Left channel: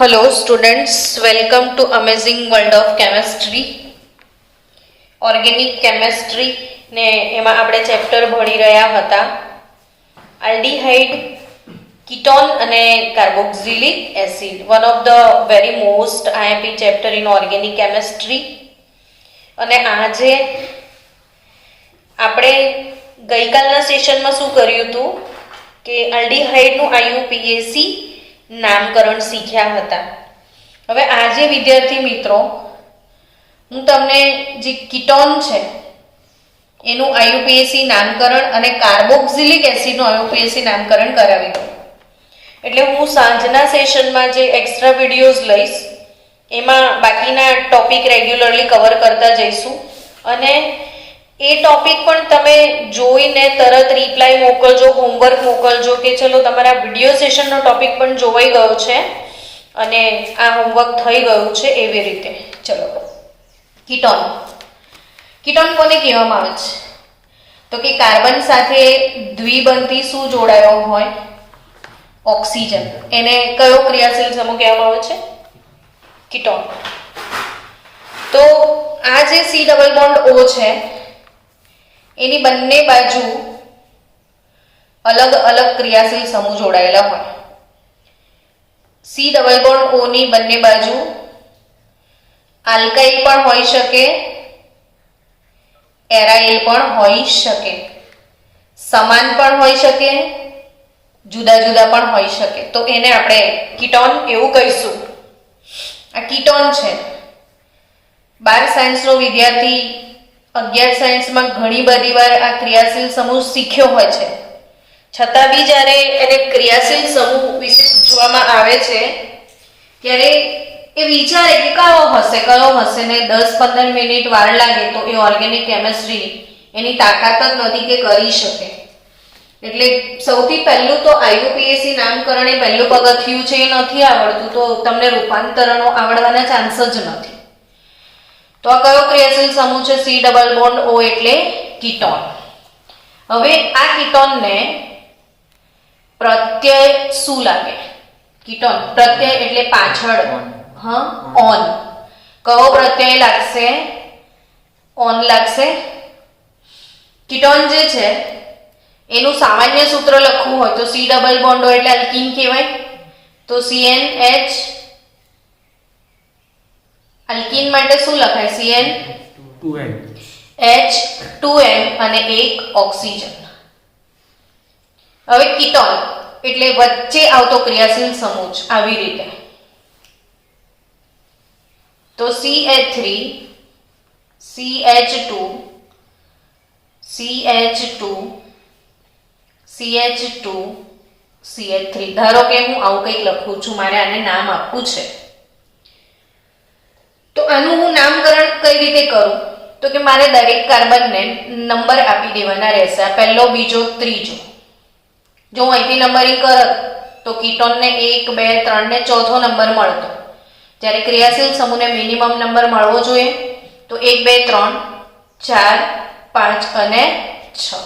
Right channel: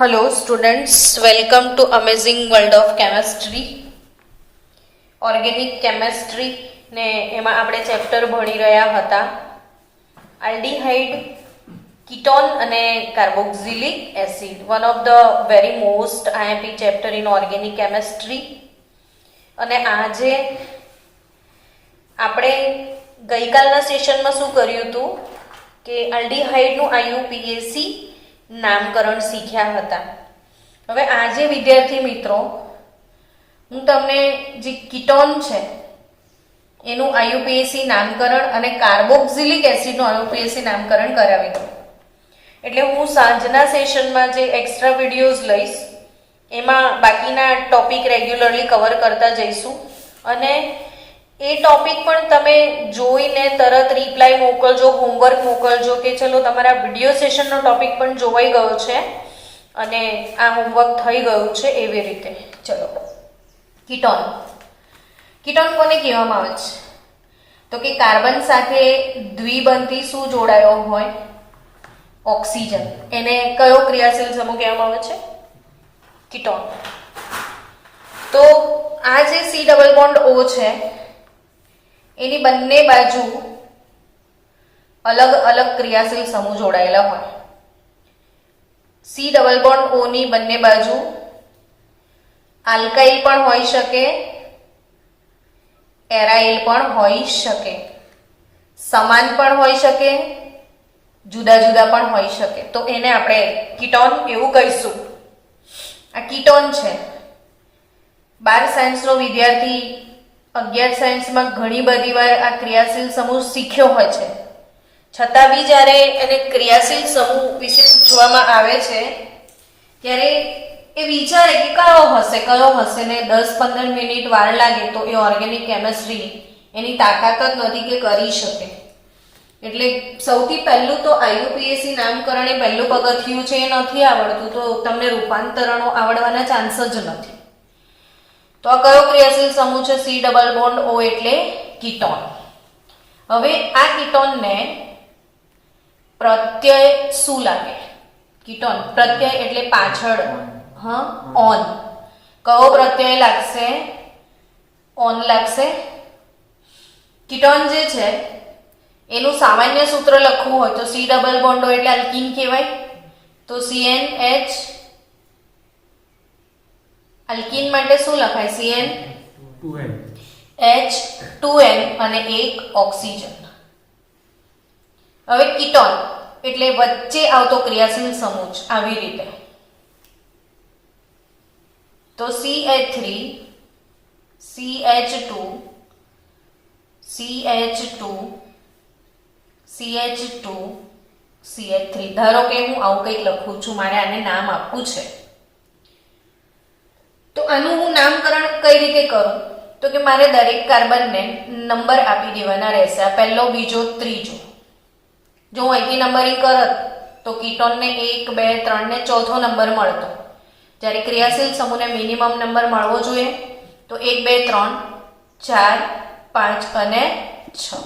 Hello students, welcome to Amazing World of Chemistry. Organic chemistry ને એમાં આપણે chapter ભણી રહ્યા હતા આલ્ડીહાઇડ, કીટોન અને carboxylic acid, one of the very most IMP chapter in organic chemistry. અને આજે આપણે ગઈકાલના સેશનમાં શું કર્યું હતું કે આલ્ડીહાઇડનું આઈયુપીએસી નામકરણ શીખ્યા હતા. હવે આજે વિદ્યાર્થી મિત્રો હું તમને જે કીટોન છે એનું આઈયુપીએસી નામકરણ અને કાર્બોક્સિલિક એસિડનું આઈયુપીએસી નામકરણ કરાવી દઉં. એટલે હું સાંજના સેશનમાં જે એક્સ્ટ્રા વિડીયોઝ લઈશ એમાં બાકીના ટોપિક રેગ્યુલરલી કવર કરતા જઈશું. અને એ ટોપિક પણ તમે જોઈને તરત રિપ્લાય મોકલજો, હોમવર્ક મોકલજો કે ચલો તમારા વિડીયો સેશનનો ટોપિક પણ જોવાઈ ગયો છે અને આ હોમવર્ક થઈ ગયું છે એવી રીતે. ચલો, કીટોન. કીટોન કોને કહેવામાં આવે છે? તો કે કાર્બન સાથે દ્વિબંધી શું જોડાયો હોય? ઓક્સિજન. એને કયો ક્રિયાશીલ સમૂહ કહેવામાં આવે છે? કીટોન. તો આ જે સી ડબલ બોન્ડ ઓ છે એની બંને બાજુ અલગ અલગ ક્રિયાશીલ સમૂહ જોડાયેલા હોય. સી ડબલ બોન્ડ ઓ ની બંને બાજુ આલ્કાઇલ પણ હોઈ શકે, એરાઇલ પણ હોઈ શકે, સમાન પણ હોઈ શકે, જુદા જુદા પણ હોઈ શકે. તો એને આપણે કીટોન એવું કહીશું. આ કીટોન છે. 12 સાયન્સનો વિદ્યાર્થી 11 સાયન્સમાં ઘણી બધી વાર આ ક્રિયાશીલ સમૂહ શીખ્યો હોય છે, છતાં બી જ્યારે એને ક્રિયાશીલ સમૂહ વિશે પૂછવામાં આવે છે ત્યારે એ વિચારે કે કયો હશે ને 10-15 મિનિટ વાર લાગે તો એ ઓર્ગેનિક કેમેસ્ટ્રી એની તાકાત જ નથી કે કરી શકે. એટલે સૌથી પહેલું તો આઈયુપીએસી નામકરણ એ પહેલું પગથિયું છે. એ નથી આવડતું તો તમને રૂપાંતરણો આવડવાના ચાન્સ જ નથી. તો આ કયો ક્રિયાશીલ સમૂહ છે? સી ડબલ બોન્ડ ઓ એટલે કીટોન. હવે આ કીટોનને પ્રત્યય શું લાગે? કીટોન પ્રત્યય એટલે પાછળ, ઓન. કયો પ્રત્યય લાગશે? ઓન લાગશે. કીટોન જે છે એનું સામાન્ય સૂત્ર લખવું હોય તો સી ડબલ બોન્ડ ઓ એટલે આલ્કીન કહેવાય. તો CnH, આલ્કીન માટે શું લખાય? CnH2n અને એક ઓક્સિજન. હવે કીટોન એટલે વચ્ચે આવતો ક્રિયાશીલ સમૂહ આવી રીતે. તો CH3, CH2, CH2, CH2, CH3. ધારો કે હું આવું કંઈક લખું છું, મારે આને નામ આપવું છે. તો આનું હું નામકરણ કઈ રીતે કરું? તો કે મારે દરેક કાર્બનને નંબર આપી દેવાના રહેશે. આ પહેલો, બીજો, ત્રીજો. જો હું અહીંથી નંબરિંગ કરત તો કીટોનને 1, 2, 3 ને ચોથો નંબર મળતો. જ્યારે ક્રિયાશીલ સમૂહને મિનિમમ નંબર મળવો જોઈએ તો 1, 2, 3, 4, 5 અને 6.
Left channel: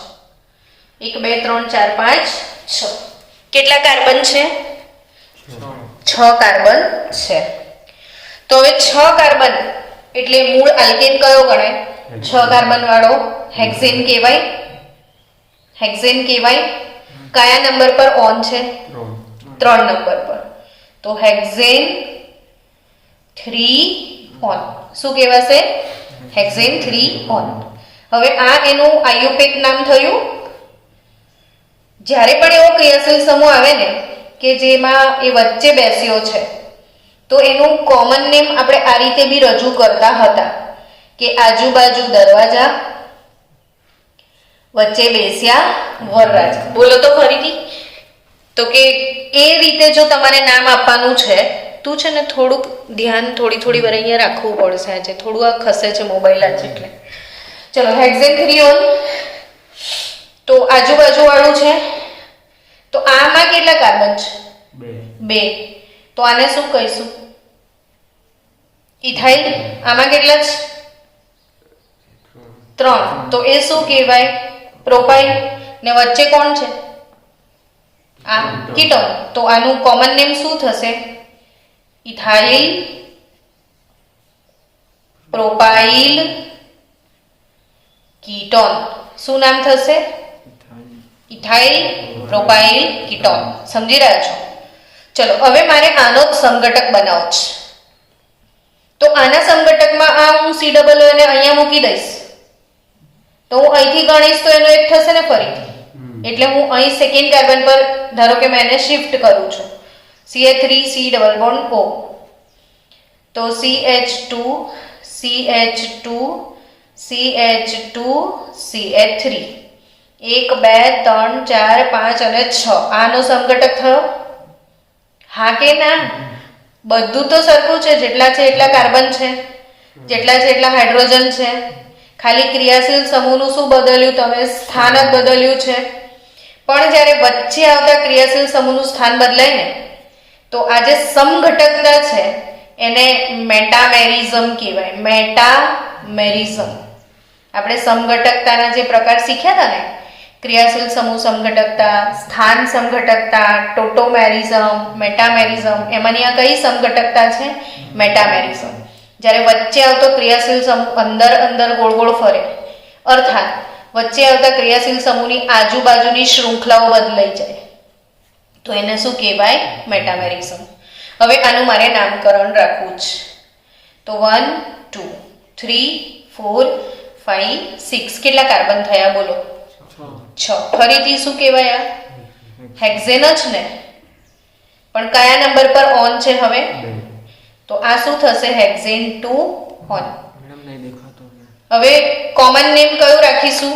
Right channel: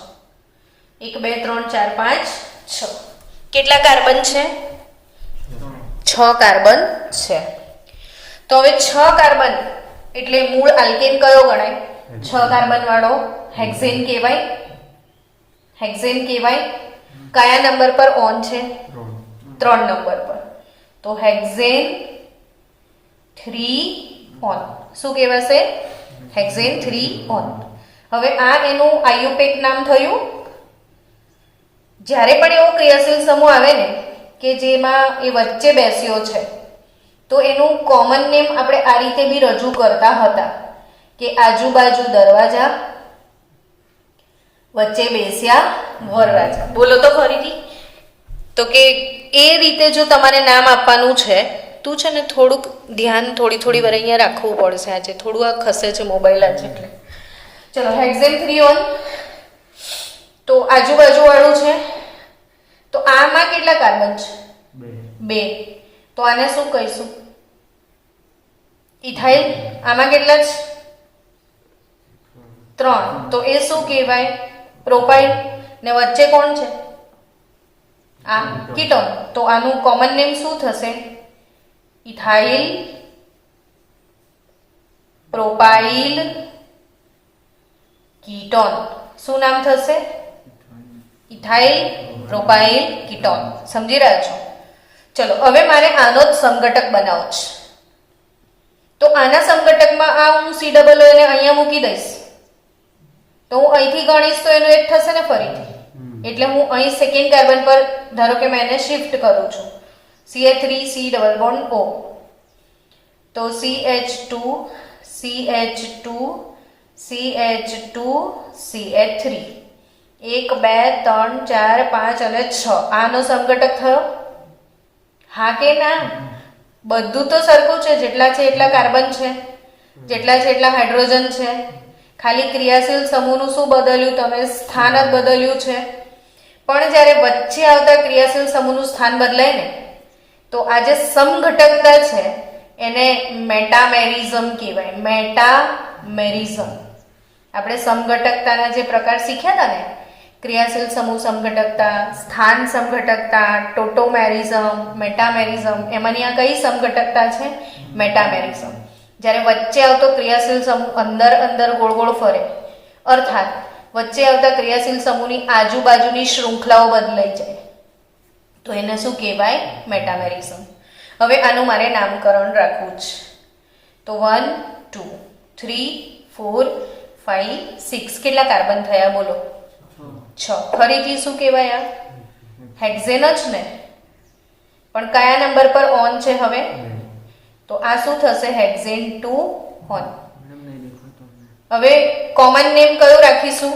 1, 2, 3, 4, 5, 6. કેટલા કાર્બન છે? 6 કાર્બન છે. તો હવે 6 કાર્બન એટલે મૂળ આલ્કેન કયો ગણાય? 6 કાર્બન વાળો હેક્ઝેન કહેવાય. હેક્ઝેન કહેવાય. કયા નંબર પર ઓન છે? 3 નંબર પર. તો હેક્ઝેન 3 ઓન. શું કહેવાશે? Hexane 3 on. હવે આ એનું આઈયુપેક નામ થયું. જ્યારે પણ એવો ક્રિયાશીલ સમૂહ આવે ને કે જેમાં એ વચ્ચે બેસ્યો છે તો એનું કોમન નેમ આપણે આ રીતે બી રજૂ કરતા હતા કે આજુબાજુ દરવાજા, વચ્ચે બેસ્યા વરરાજા. બોલો તો ફરીથી. તો કે એ રીતે જો તમારે નામ આપવાનું છે, તું છે ને થોડુંક ધ્યાન થોડી વાર અહીંયા રાખવું પડશે. આજે થોડું આ ખસે છે મોબાઈલ આજે એટલે. ચલો, હેક્ઝેન 3 ઓન. તો આજુબાજુ વાળું છે. તો આમાં કેટલા કાર્બન છે? 2. તો આને શું કહીશું? ઇથાઇલ. આમાં કેટલા છે? 3. તો એ શું કહેવાય? પ્રોપાઇલ. ને વચ્ચે કોણ છે? આ કીટોન. તો આનું કોમન નેમ શું થશે? Ethyl propyl ketone. શું નામ થશે? Ethyl propyl ketone. સમજી રહ્યા છો? ચલો હવે મારે આનો જ સમઘટક બનાવવો છે. તો આના સમઘટકમાં આ હું C ડબલ O ને અહીંયા મૂકી દઈશ તો હું અહીંથી ગણીશ તો એનો એક થશે ને ફરીથી. એટલે હું અહીં સેકન્ડ કાર્બન પર ધારો કે મેં એને શિફ્ટ કરું છું. CH3 C double bond O. તો CH2 CH2 CH2 CH3 1 2 3 4 5 અને 6 આનો સમઘટક થયો. હા કે ના? બધું તો સરખું છે, જેટલા છે એટલા કાર્બન છે, જેટલા છે એટલા હાઇડ્રોજન છે. ખાલી ક્રિયાશીલ સમૂહનું શું બદલ્યું? તમે સ્થાન જ બદલ્યું છે. પણ જ્યારે વચ્ચે આવતા ક્રિયાશીલ સમૂહનું સ્થાન બદલાય ને તો આ જે સમઘટકતા છે એને મેટામેરિઝમ કહેવાય. મેટામેરિઝમ. આપણે સમઘટકતાના જે પ્રકાર શીખ્યા હતા ને, ક્રિયાશીલ સમૂહ સમઘટકતા, સ્થાન સમઘટકતા, ટોટોમેરિઝમ, મેટામેરિઝમ, એમાંની આ કઈ સમઘટકતા છે? મેટામેરિઝમ. જ્યારે વચ્ચે આવતો ક્રિયાશીલ સમૂહ અંદર અંદર ગોળ ગોળ ફરે, અર્થાત વચ્ચે આવતા ક્રિયાશીલ સમૂહની આજુબાજુની શૃંખલાઓ બદલાઈ જાય તો એને શું કહેવાય? મેટામેરિઝમ. હવે આનું મારે નામકરણ રાખવું છે. તો 1 2 3 4 5 6 કેટલા કાર્બન થયા બોલો? 6. ફરીથી શું કહેવાય? આ હેક્ઝેન જ ને, પણ કયા નંબર પર ઓન છે હવે? તો આ શું થશે? Hexane 2 on. હવે કોમન નેમ કયું રાખીશું?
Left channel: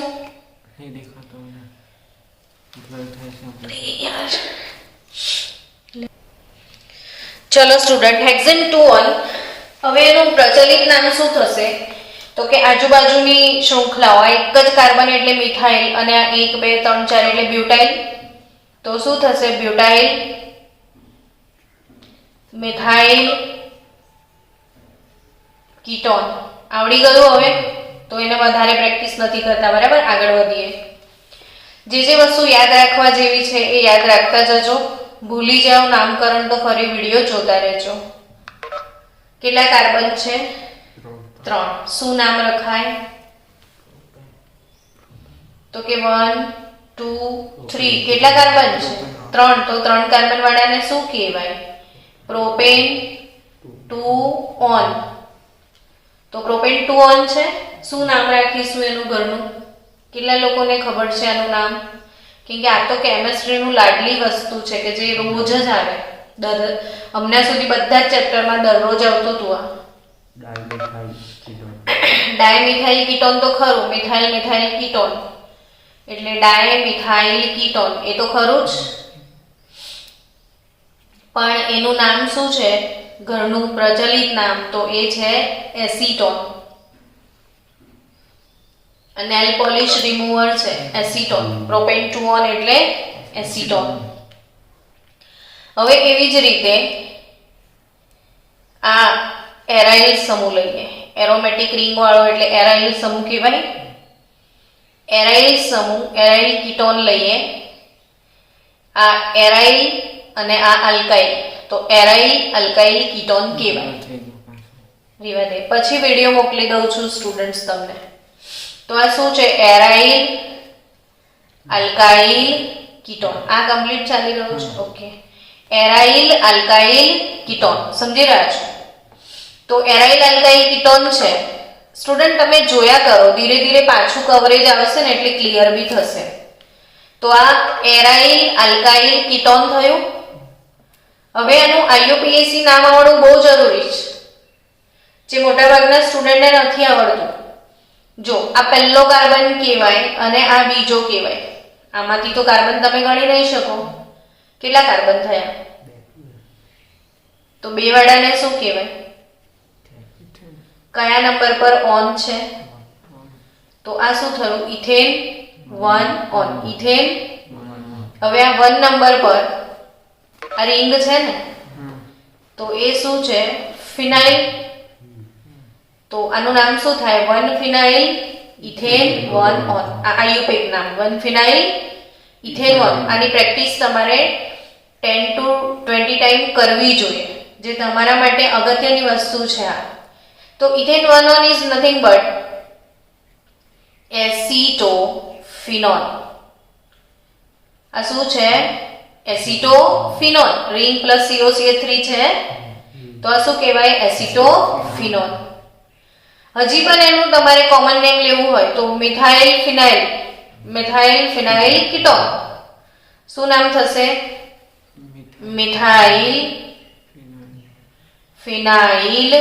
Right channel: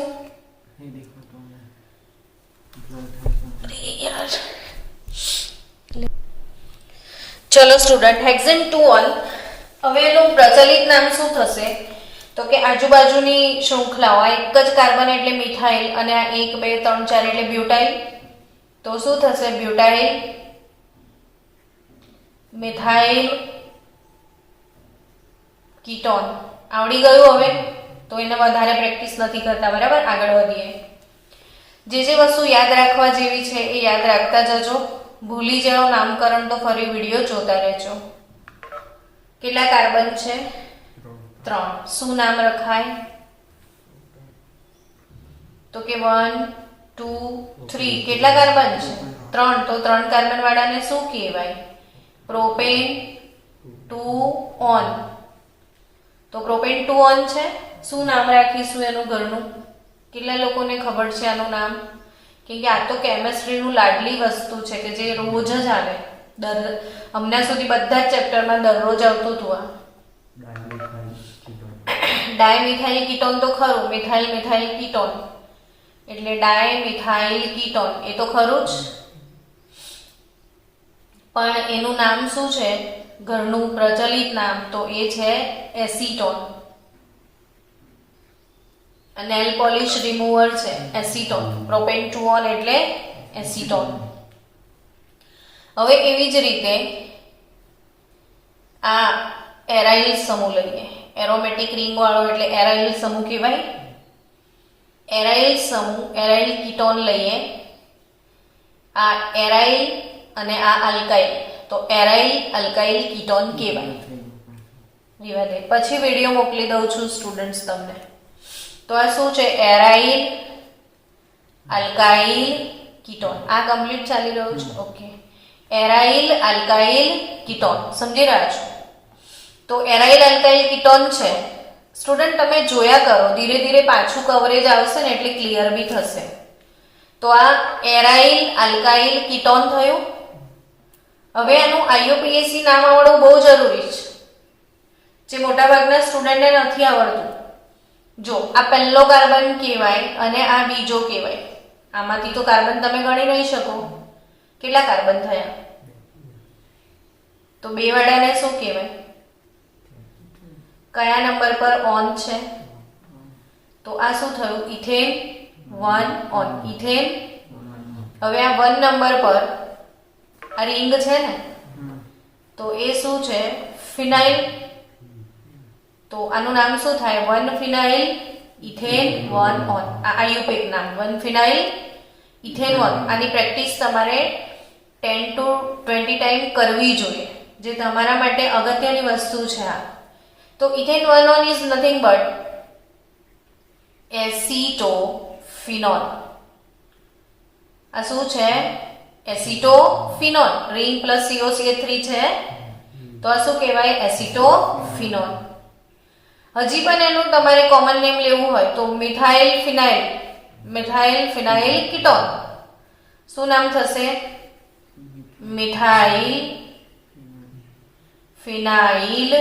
ચલો સ્ટુડન્ટ, હેક્ઝેન 2 ઓન. હવે એનું પ્રચલિત નામ શું થશે? તો કે આજુબાજુની શૃંખલાઓ, એક જ કાર્બન એટલે મિથાઇલ અને આ 1 2 3 4 એટલે બ્યુટાઇલ. તો શું થશે? Butyl methyl ketone. આવડી ગયું હવે? તો એને વધારે પ્રેક્ટિસ નથી કરતા, બરાબર? આગળ વધીએ. જે વસ્તુ યાદ રાખવા જેવી છે એ યાદ રાખતા જજો. ભૂલી જાઓ નામકરણ તો ફરી વિડીયો જોતા રહેજો. કેટલા કાર્બન છે? 3. શું નામ રખાય? તો કે 1 2 3. કેટલા કાર્બન છે? 3. તો 3 કાર્બન વાળાને શું કહેવાય? Propane 2 on. તો પ્રોપેન 2 ઓન છે. શું નામ રાખીશું એનું ઘરનું? કેટલા લોકોને ખબર છે આનું નામ? કેમ કે આ તો કેમેસ્ટ્રીનું લાડલી વસ્તુ છે કે જે રોજ જ આવે. હમણાં સુધી બધા જ ચેપ્ટરમાં દરરોજ આવતું હતું. આ ડાયમિથાઇલ કીટોન તો ખરું, મિથાઇલ મિથાઇલ કીટોન એટલે ડાયમિથાઇલ કીટોન, એ તો ખરું જ. પણ એનું નામ શું છે ઘરનું પ્રચલિત નામ? તો એ છે એસીટોન. નેલ પોલિશ રિમૂવર છે એસીટોન. પ્રોપેન 2 ઓન એટલે એસીટોન. હવે એવી જ રીતે આ એરાઇલ સમૂહ લઈએ. એરોમેટિક રિંગ વાળો એટલે એરાઇલ સમૂહ કહેવાય. એરાઇલ સમૂહ, એરાઇલ કીટોન લઈએ. આ એરાઇલ અને આ અલ્કાઇલ, તો એરાઇલ અલ્કાઇલ કીટોન કહેવાય. રેવા દે, પછી વિડીયો મોકલી દઉં છું સ્ટુડન્ટ્સ તમને. તો આ શું છે? Aryl alkyl ketone. આ કમ્પ્લીટ ચાલી રહ્યું છે. Okay, aryl alkyl ketone. સમજી રહ્યા છો? તો એરાઇલ અલ્કાઇલ કીટોન છે સ્ટુડન્ટ, તમે જોયા કરો, ધીરે ધીરે પાછું કવરેજ આવશે ને એટલે ક્લિયર બી થશે. તો આ એરાઇલ અલ્કાઇલ કીટોન થયું. હવે આનું IUPAC નામ આવડવું બહુ જરૂરી છે, જે મોટાભાગના સ્ટુડન્ટને નથી આવડતું. જો આ પહેલો કાર્બન કહેવાય અને આ બીજો કહેવાય. આમાંથી તો કાર્બન તમે ગણી નહીં શકો. કેટલા કાર્બન થયા? તો બે વાળાને શું કહેવાય? કયા નંબર પર ઓન છે? તો આ શું થયું? Ethane 1 on. ઇથેન. હવે આ 1 નંબર પર આ રિંગ છે ને, તો એ શું છે? ફિનાઇલ. તો આનું નામ શું થાય? 1 ફિનાઇલ ઇથેન 1 ઓન. આ IUPAC નામ 1 ફિનાઇલ ઇથેન 1. આની પ્રેક્ટિસ તમારે 10 to 20 ટાઈમ કરવી જોઈએ. જે તમારા માટે અગત્યની વસ્તુ છે આ. તો ઇથેનોલ ઇઝ નથિંગ બટ એસિટોફિનોલ. આ શું છે? એસિટોફિનોલ. રિંગ પ્લસ COCH3 છે તો આ શું કહેવાય? એસિટોફિનોલ. હજી પણ એનું તમારે કોમન નેમ લેવું હોય તો મિથાઇલ ફિનાઇલ કીટોન. શું નામ થશે? મિથાઇલ ફિનાઇલ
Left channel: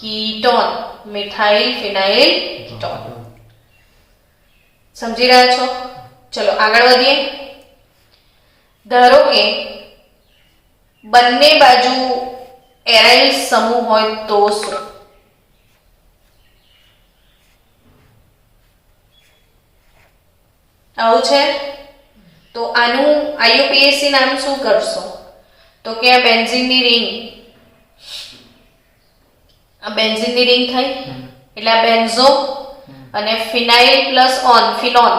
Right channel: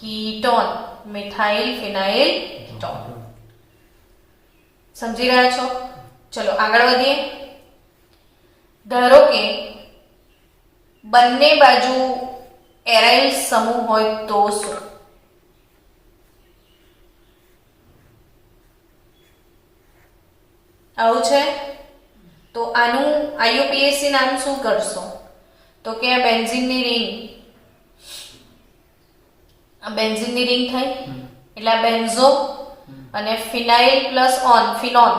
કીટોન. મિથાઇલ ફિનાઇલ કીટોન. સમજી રહ્યા છો? ચલો આગળ વધીએ. ધારો કે બંને બાજુ એરાઇલ સમૂહ હોય તો શું? આવું છે તો આનું IUPAC નામ શું કરશો? તો કે આ બેન્ઝીનની રિંગ, આ બેન્ઝીનની રિંગ થઈ એટલે આ બેન્ઝો અને ફિનાઇલ પ્લસ ઓન ફિનોલ,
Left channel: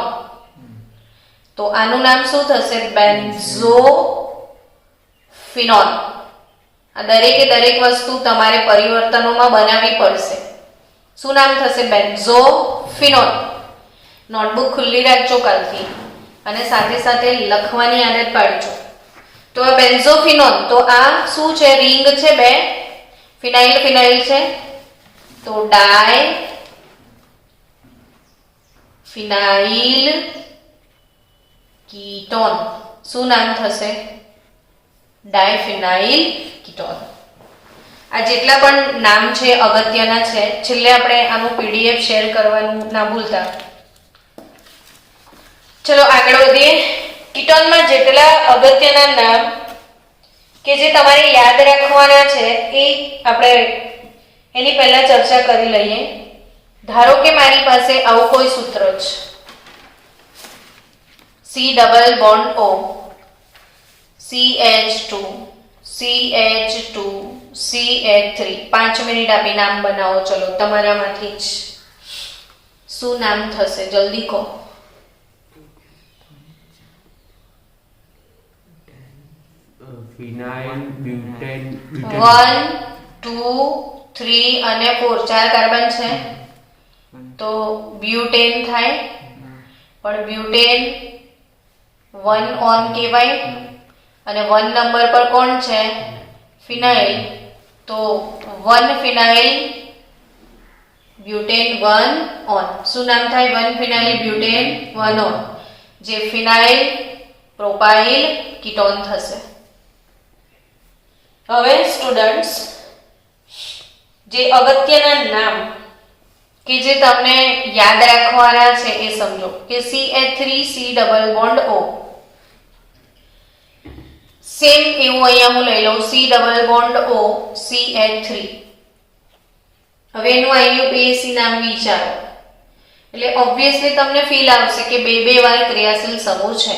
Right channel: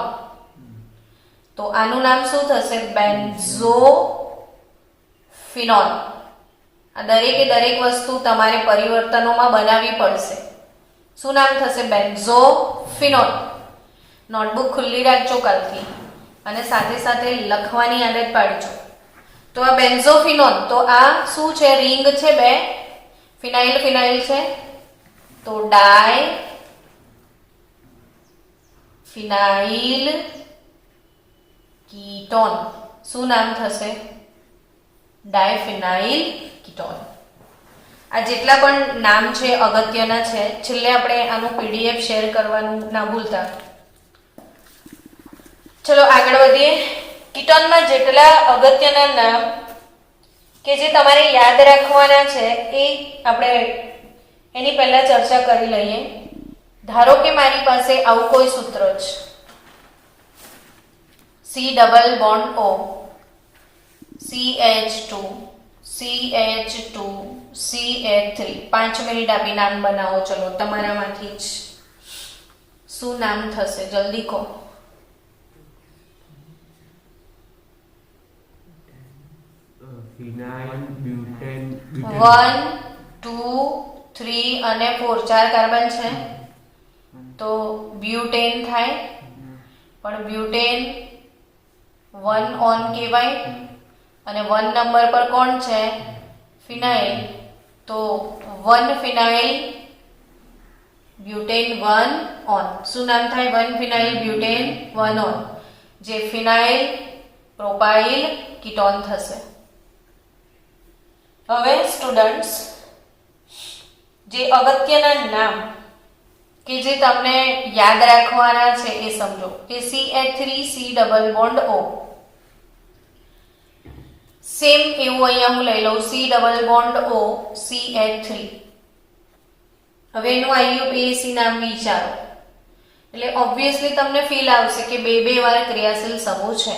તો આનું નામ શું થશે? બેન્ઝોફિનોલ. આ દરેકે દરેક વસ્તુ તમારે પરિવર્તનોમાં બનાવવી પડશે. શું નામ થશે? બેન્ઝોફિનોલ. નોટબુક ખુલ્લી રાખજો કાલથી અને સાથે સાથે લખવાની આદત પાડજો. તો આ બેન્ઝોફિનોલ, તો આ શું છે? રિંગ છે બે, ફિનાઇલ છે તો ડાય ફિનાઇલ કીટોન. શું નામ થશે? ડાયફિનાઇલ કીટોન. આ જેટલા પણ નામ છે અગત્યના છે. છેલ્લે આપણે આનું PDF શેર કરવાનું ના ભૂલતા. ચલો આગળ વધીએ. કીટોનમાં જેટલા અગત્યના નામ કે જે તમારે યાદ રાખવાના છે એ આપણે એની પહેલા ચર્ચા કરી લઈએ. ધારો કે મારી પાસે આવું કોઈ સૂત્ર છે, C double bond O CH2 CH3. 5 minute આપી નામ બનાવો. ચલો તમારામાંથી જ શું નામ થશે? જલ્દી કહો. ફિનાઇલ, બ્યુટેન, 1 2 3 અને 4 ચાર કાર્બન છે તો બ્યુટેન થાય. પણ બ્યુટેન 1 ઓન કહેવાય અને 1 નંબર પર કોણ છે? ફિનાઇલ. તો 1 ફિનાઇલ બ્યુટેન 1 ઓન. શું નામ થાય? 1 ફિનાઇલ બ્યુટેન 1 ઓન, જે ફિનાઇલ પ્રોપાઇલ કીટોન થશે. હવે સ્ટુડન્ટ્સ, જે અગત્યના નામ કે જે તમને યાદ રાખવાના છે એ સમજો કે CH3 C double bond O. Same એવું અહીંયા હું લઈ લઉં C double bond O CH3. હવે એનું IUPAC નામ વિચારો એટલે ઓબ્વિયસલી તમને ફીલ આવશે કે બે વાર ક્રિયાશીલ સમૂહ છે.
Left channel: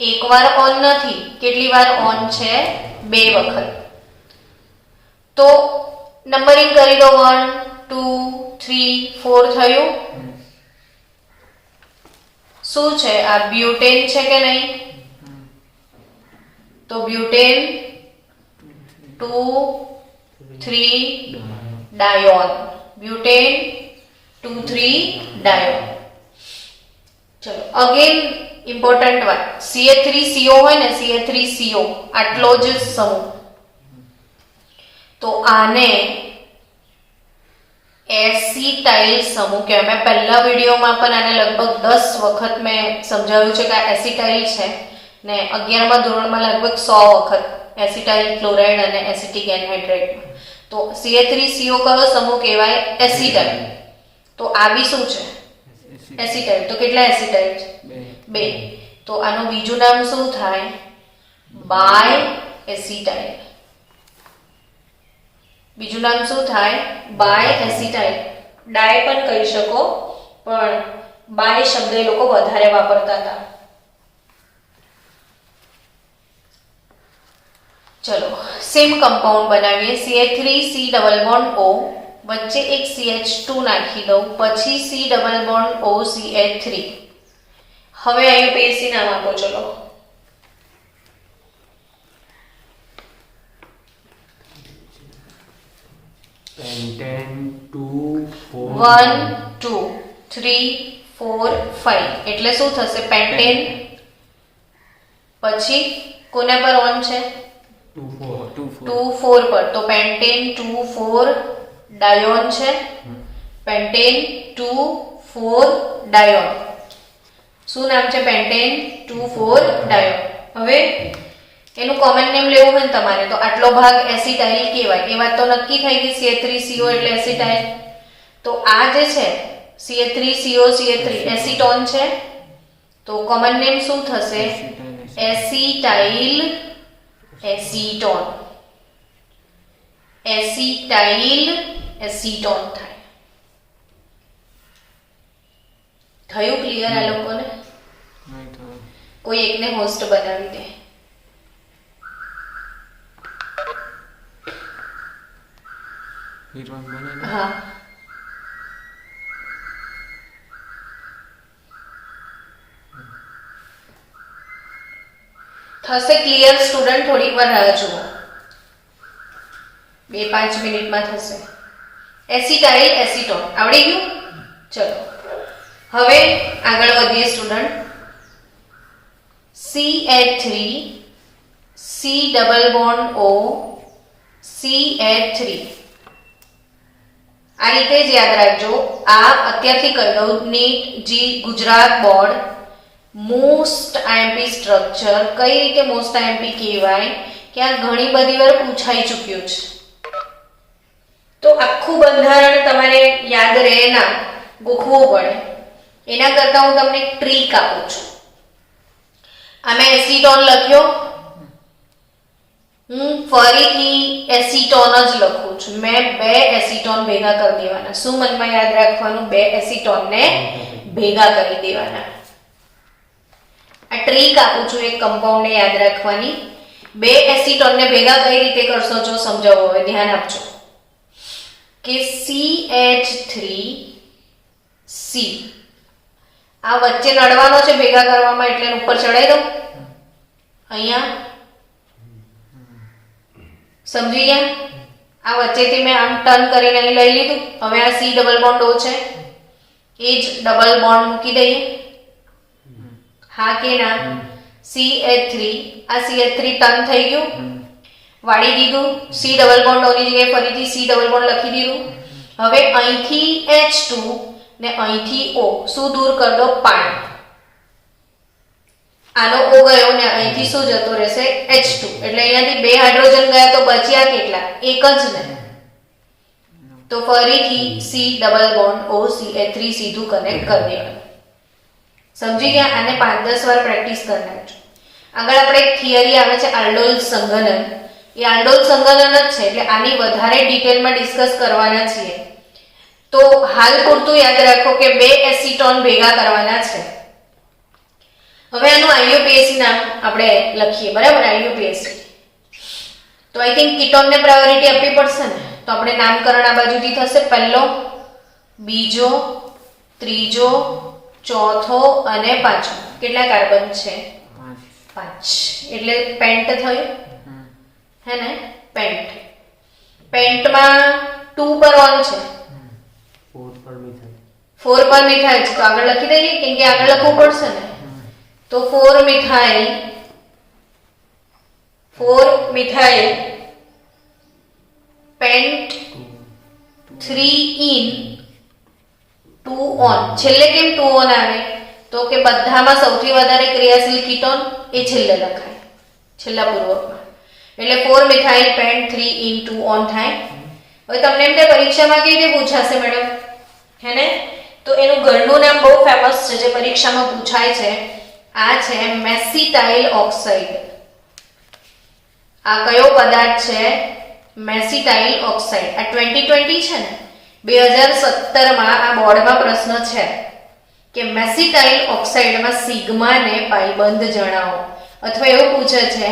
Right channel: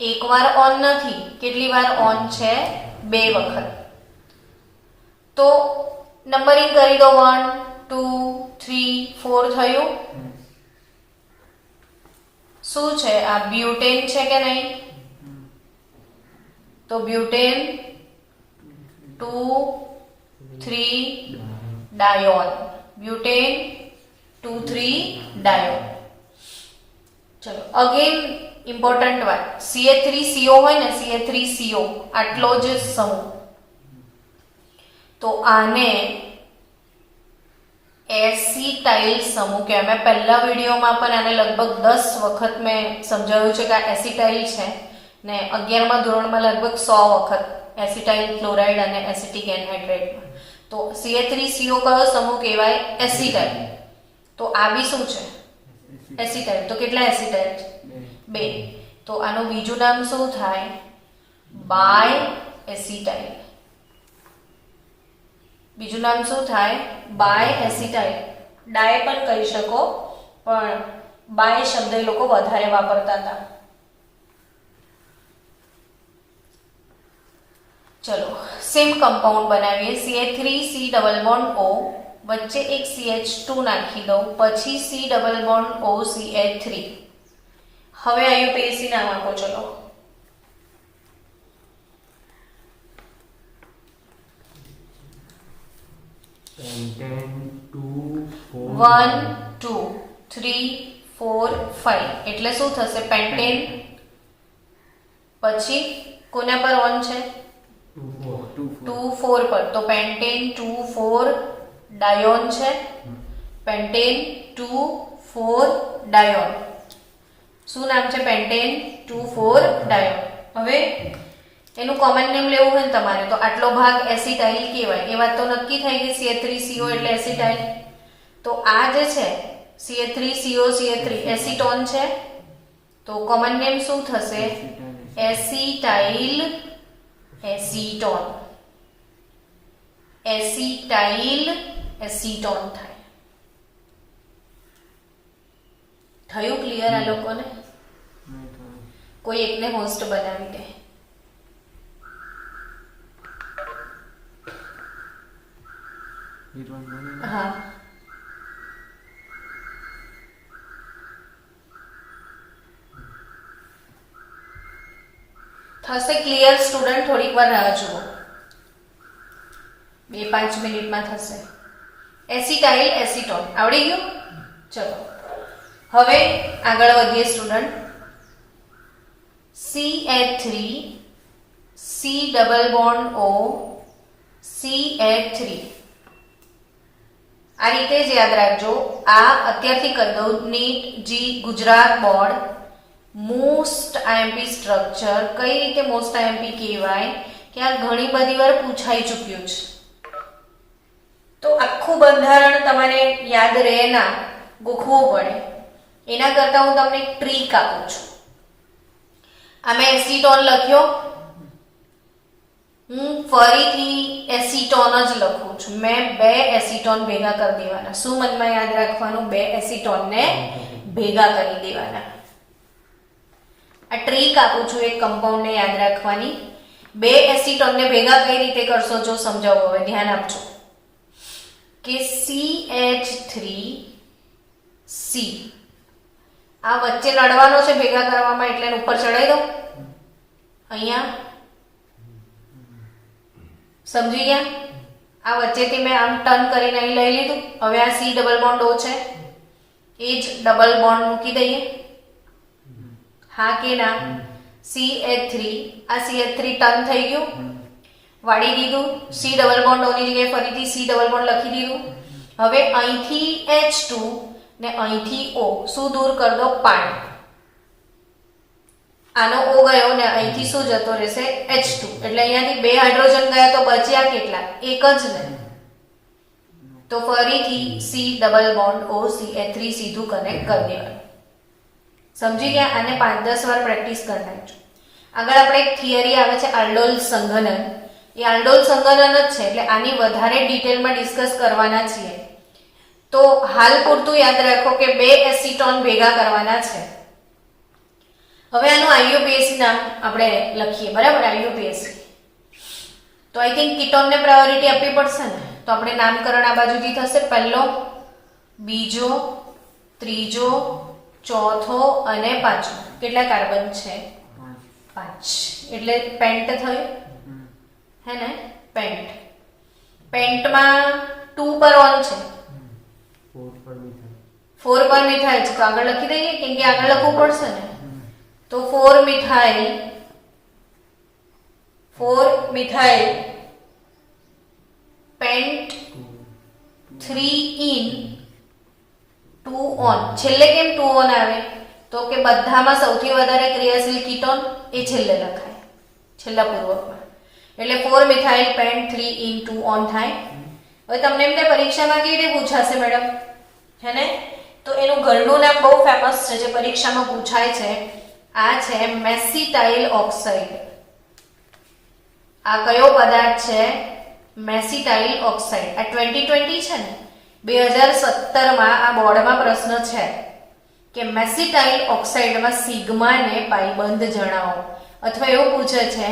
એકવાર ઓન નથી, કેટલી વાર ઓન છે? 2 વખત. તો નંબરિંગ કરી દો. 1 2 3 4 થયું. શું છે આ? બ્યુટેન છે કે નહીં? તો બ્યુટેન 2 3 ડાયોન. બ્યુટેન 2 3 ડાયોન. ચલો અગેન ઇમ્પોર્ટન્ટ વાત, CH3CO હોય ને, CH3CO આટલો જ સમૂહ, તો આને એસિટાઇલ સમૂહ કહેવાય. મેં પહેલા વિડીયોમાં પણ આને લગભગ 10 વખત મેં સમજાવ્યું છે કે આ એસિટાઇલ છે ને 11મા ધોરણમાં લગભગ 100 વખત એસિટાઇલ ક્લોરાઇડ અને એસિટિક એનહાઇડ્રેટ. તો CH3CO કયો સમૂહ કહેવાય? એસિટાઇલ. તો આ બી શું છે? એસિટાઇલ. તો કેટલા એસિટાઇલ? 2. તો આનું બીજું નામ શું થાય? Biacetyl. બીજું નામ શું થાય? By acetyl. ડાય પણ કહી શકો પણ બાય શબ્દ એ લોકો વધારે વાપરતા હતા. ચલો સેમ કમ્પાઉન્ડ બનાવીએ. CH3 C double bond O, વચ્ચે એક CH2 નાખી દઉં, પછી C double bond O CH3. હવે IUPAC નામ આપો. ચલો પેન્ટેન 2 4 1 2 3 4 5 એટલે શું થશે? પેન્ટેન પછી કોના પર ઓન છે? 2 4 પર, તો પેન્ટેન 2 4 ડાયોન છે. પેન્ટેન 2 4 ડાયોન. શું નામ છે? પેન્ટેન 2 4 ડાયોન. હવે એનું કોમન નેમ લેવું હોય ને તમારે તો આટલો ભાગ એસિટાઇલ કહેવાય. એ વાત તો નક્કી થઈ ગઈ. CH3CO એટલે એસિટાઇલ. તો આ જે છે CH3CO CH3 એસિટોન છે. તો કોમન નેમ શું થશે? Acetyl acetone. એસિટાઇલ એસિટોન થાય. થયું ક્લિયર આ લોકોને? કોઈ એકને હોસ્ટ બનાવી દે. હા, થશે ક્લિયર સ્ટુડન્ટ? થોડીક વાર રાહ જુઓ, 2-5 મિનિટમાં થશે. એસિટાઇલ એસિટોન આવડી ગયું? ચલો હવે આગળ વધીએ student. CH3 C double bond O CH3 આ રીતે જ યાદ રાખજો. આ અત્યારથી કહી દઉં, NEET JEE Gujarat board most IMP structure. કઈ રીતે મોસ્ટ આઈએમપી કહેવાય કે આ ઘણી બધી વાર પૂછાઈ ચૂક્યું છે. તો આખું બંધારણ તમારે યાદ રહે ના, ગોખવું પડે. એના કરતા હું તમને એક ટ્રીક આપું છું. આમાં એસિટોન લખ્યો, હું ફરીથી એસિટોન જ લખું છું. મેં 2 એસિટોન ભેગા કરી દેવાના. શું મનમાં યાદ રાખવાનું? 2 એસિટોનને ભેગા કરી દેવાના. આ ટ્રીક આપું છું એક કમ્પાઉન્ડને યાદ રાખવાની. 2 એસિટોનને ભેગા કઈ રીતે કરશો જો સમજાવો. હવે ધ્યાન આપજો કે CH3C આ વચ્ચે નડવાનો છે ભેગા કરવામાં, એટલે ઉપર ચડાઈ દો. અહીંયા સમજી ગયા? આ વચ્ચેથી મેં આમ ટર્ન કરીને અહીં લઈ લીધું. હવે આ C ડબલ બોન્ડ O છે, એ જ ડબલ બોન્ડ મૂકી દઈએ. હા કે ના? CH3 આ CH3 ટર્ન થઈ ગયું, વાળી દીધું. C ડબલ બોન્ડ O ની જગ્યાએ ફરીથી C ડબલ બોન્ડ લખી દીધું. હવે અહીંથી H2 ને અહીંથી O શું દૂર કર દો? પાણી. આનો O ગયો ને અહીંથી શું જતો રહેશે? H2. એટલે અહીંયાથી 2 હાઇડ્રોજન ગયા તો બચ્યા કેટલા? એક જ ને. તો ફરીથી C double bond O CH3 સીધું કનેક્ટ કરી દેવાનું. સમજી ગયા? આને 5-10 વાર પ્રેક્ટિસ કરી નાખજો. આગળ આપણે એક થિયરી આવે છે આલ્ડોલ સંઘનન. એ આલ્ડોલ સંઘનન જ છે, એટલે આની વધારે ડિટેલમાં ડિસ્કસ કરવાના છીએ. તો હાલ પૂરતું યાદ રાખો કે 2 એસિટોન ભેગા કરવાના છે. હવે આનું IUPAC નામ આપણે લખીએ, બરાબર? IUPAC તો આઈ થિંક કીટોનને પ્રાયોરિટી આપવી પડશે ને. તો આપણે નામકરણ આ બાજુથી થશે. પહેલો, બીજો, ત્રીજો, ચોથો અને પાંચમો. કેટલા કાર્બન છે? 5. એટલે પેન્ટ થયું હે ને? પેન્ટ. પેન્ટમાં 2 પર ઓન છે, 4 પર મિથાઇલ છે. તો આગળ લખી દઈએ, કેમ કે આગળ લખવું પડશે ને. તો 4 મિથાઇલ પેન્ટ 3 ઇન 2 ઓન. છેલ્લે કેમ 2 ઓન આવે? તો કે બધામાં સૌથી વધારે ક્રિયાશીલ કીટોન એ છેલ્લે લખાય, છેલ્લા પૂર્વકમાં. એટલે 4 મિથાઇલ પેન્ટ 3 ઇન 2 ઓન થાય. હવે તમને એમ કે પરીક્ષામાં કેવી રીતે પૂછાશે મેડમ, હે ને? તો એનું ઘરનું નામ બહુ ફેમસ છે જે પરીક્ષામાં પૂછાય છે. આ છે મેસિટાઇલ ઓક્સાઇડ. આ કયો પદાર્થ છે? મેસિટાઇલ ઓક્સાઇડ. આ 2020 છે ને, 2017માં આ બોર્ડમાં પ્રશ્ન છે કે મેસિટાઇલ ઓક્સાઇડમાં સિગ્માને પાઈબંધ જણાવો. અથવા એવું પૂછે છે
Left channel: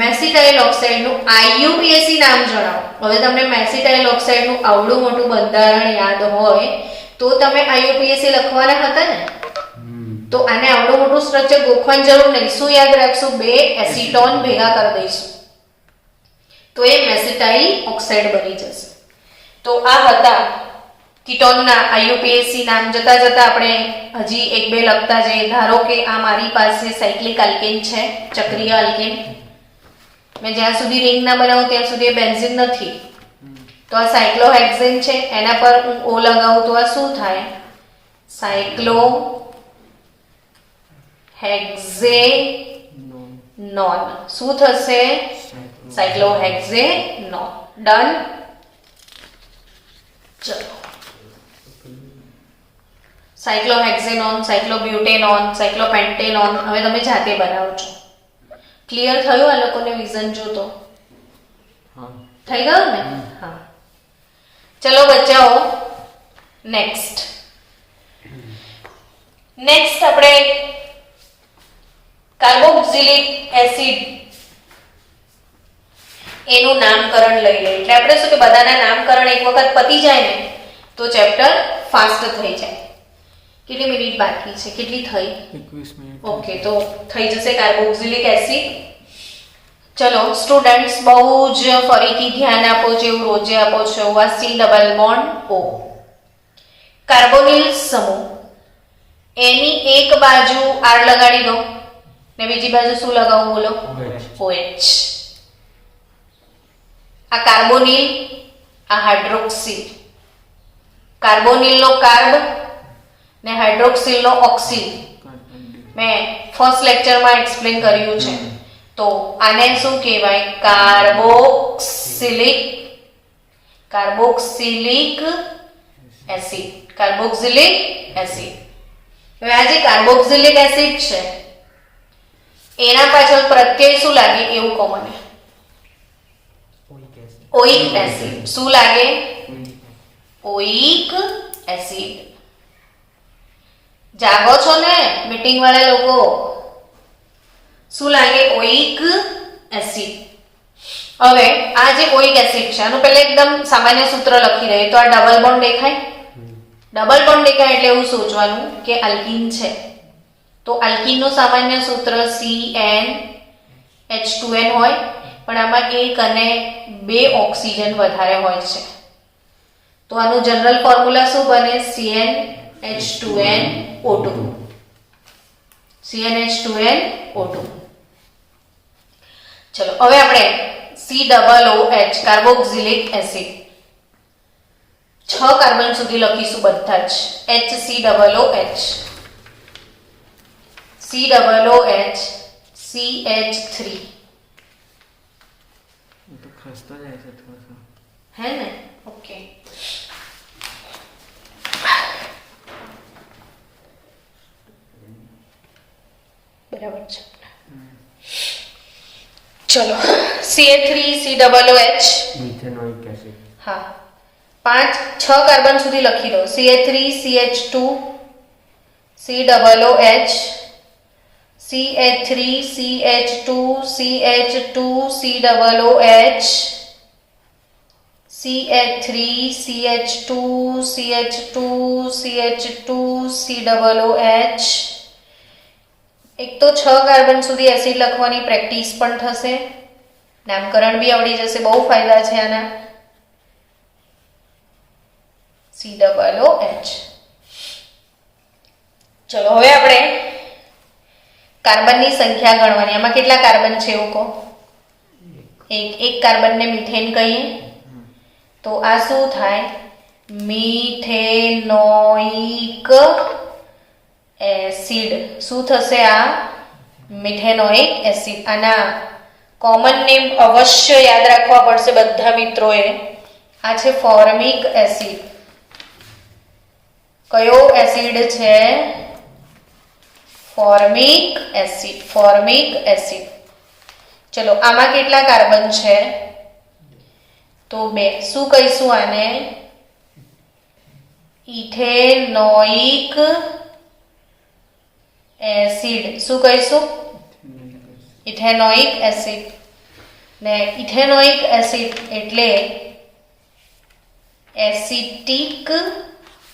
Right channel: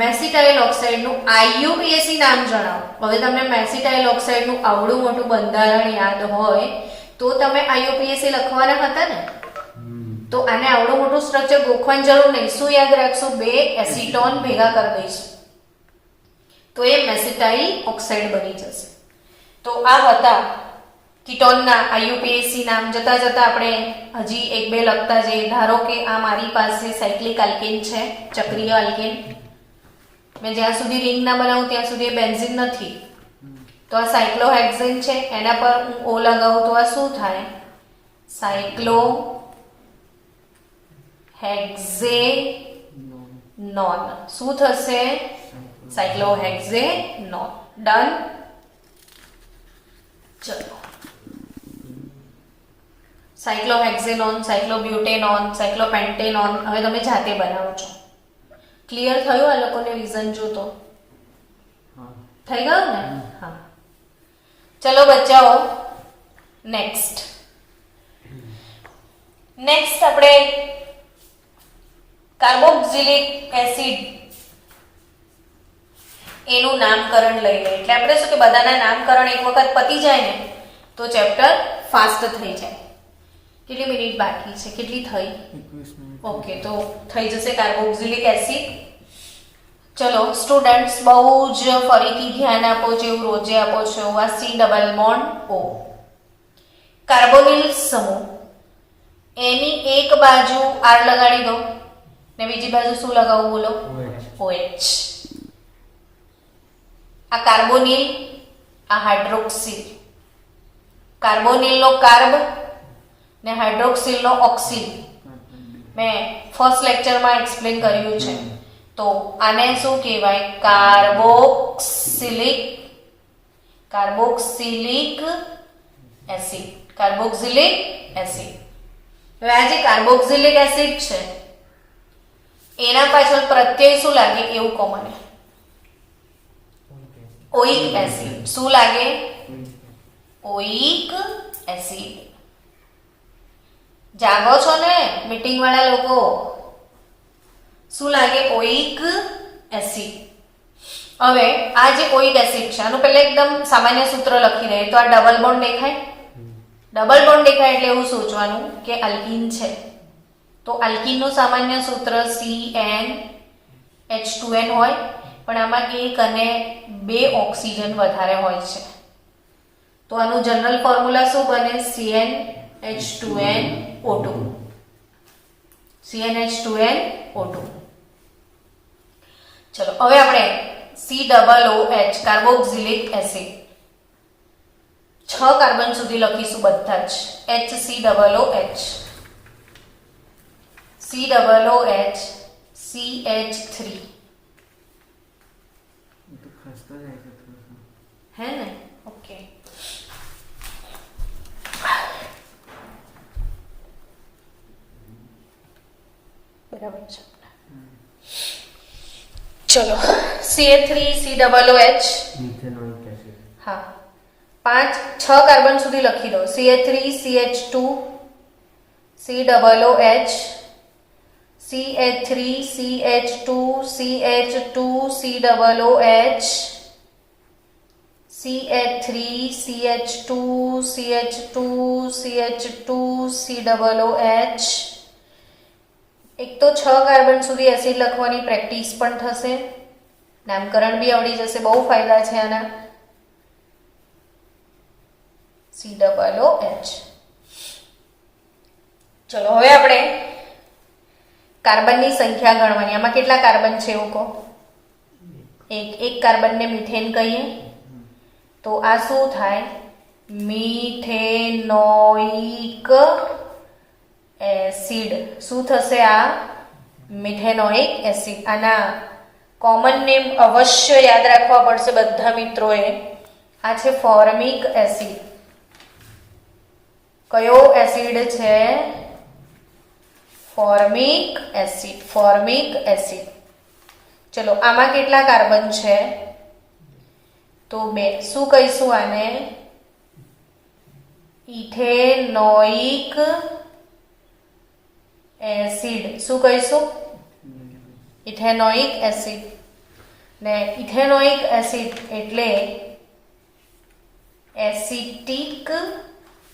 મેસિટાઇલ ઓક્સાઇડનું IUPAC નામ જણાવો. હવે તમને મેસિટાઇલ ઓક્સાઇડનું આવડું મોટું બંધારણ યાદ હોય તો તમે IUPAC લખવાના હતા ને. તો આને આવડું મોટું સ્ટ્રક્ચર ગોખવાની જરૂર નહીં. શું યાદ રાખશું? 2 એસિટોન ભેગા કરી દઈશું તો એ મેસિટાઇલ ઓક્સાઇડ બની જશે. તો આ હતા કીટોનના આઈયુપીએસી નામ. જતા જતા આપણે હજી એક બે લખતા જઈએ. ધારો કે આ મારી પાસે સાયક્લિક આલ્કેન છે, ચક્રીય આલ્કેન. મેં જ્યાં સુધી રિંગ ના બનાવું ત્યાં સુધી બેન્ઝીન નથી. તો આ સાયક્લોહેક્ઝેન છે, એના પર હું ઓ લગાવું તો આ શું થાય? સાયક્લોહેક્ઝેનોન. શું થશે? સાયક્લોહેક્ઝેનોન. ડન. ચલો, સાયક્લોહેક્ઝેનોન, સાયક્લોબ્યુટેનોન, સાયક્લોપેન્ટેનોન હવે તમે જાતે બનાવો છો. ક્લિયર થયું આ લોકોને વિઝન જોતો? થઈ ગયું ને? હા. ચલો બચ્ચાઓ, નેક્સ્ટ આપણે કાર્બોક્સિલિક એસિડ એનું નામકરણ લઈ લઈએ. એટલે આપણે શું કે બધાના નામકરણ એક વખત પતી જાય ને તો ચેપ્ટર ફાસ્ટ થઈ જાય. કેટલી મિનિટ બાકી છે? કેટલી થઈ? 21 મિનિટ. ઓકે, તો થઈ જશે કાર્બોક્સિલિક એસિડ. ચલો સ્ટુડન્ટ્સ, બહુ જ ફરીથી ધ્યાન આપો, જેવું રોજે આપો છો. આ C double bond O, carbonyl સમૂહ, એની એક બાજુ આર લગાડી દો ને બીજી બાજુ શું લગાવું? બોલો. OH. આ કાર્બોનિલ, આ હાઇડ્રોક્સિલ. કાર્બોનિલનો કાર્બ ને હાઇડ્રોક્સિલનો ઓક્સિલ મેં ફર્સ્ટ લેક્ચરમાં એક્સપ્લેન કર્યું છે. તો આને શું કહેવાય? Carboxylic acid. Carboxylic acid. હવે આ જે કાર્બોક્સિલિક એસિડ છે એના પાછળ પ્રત્યય શું લાગે એવું કહો મને? ઓઇક એસિડ. શું લાગે? ઓઇક એસિડ. જાગો છો ને મીટિંગ વાળા લોકો? શું લાગે? ઓઇક એસિડ. હવે આ જે ઓઇક એસિડ છે આનું પહેલા એકદમ સામાન્ય સૂત્ર લખી દઈએ. તો આ ડબલ બોન્ડ દેખાય? ડબલ બોન્ડ દેખાય એટલે એવું સોચવાનું કે આલ્કીન છે. તો આલ્કીનનું સામાન્ય સૂત્ર CnH2n હોય, પણ આમાં એક અને બે ઓક્સિજન વધારે હોય છે. તો આનું જનરલ ફોર્મ્યુલા શું બને? CnH2nO2. CnH2nO2. ચલો હવે આપણે COOH કાર્બોક્સિલિક એસિડ 6 કાર્બન સુધી લખીશું બધા જ. HCOOH, COOH, CH3. तो खस्ता है ऐसे थोड़ा सा. है ना? ओके. बराबर છે. ચલો CH3COOH. Methanoic acid. હા, 6 કાર્બન સુધી લખી દો. CH3CH2 COOH, CH3CH2 CH2 COOH, CH3CH2 CH2 CH2 COOH. એક તો 6 કાર્બન સુધી એસિડ લખવાની પ્રેક્ટિસ પણ થશે, નામકરણ બી આવડી જશે. બહુ ફાયદા છે આના. COOH. ચલો હવે આપણે કાર્બનની સંખ્યા ગણવાની. આમાં કેટલા કાર્બન છે એવું કહો? એક કાર્બનને મિથેન કહીએ તો આ શું થાય? Methanoic acid. શું થશે? આ મિથેનોઇક એસિડ. આના કોમન નેમ અવશ્ય યાદ રાખવા પડશે બધા મિત્રોએ. આ છે ફોર્મિક એસિડ. કયો એસિડ છે? Formic acid. Formic acid. ચલો આમાં કેટલા કાર્બન છે? તો 2. શું કહીશું આને? Ethanoic acid. શું કહીશું? Ethanoic acid. ને ઇથેનોઇક એસિડ એટલે એસિટિક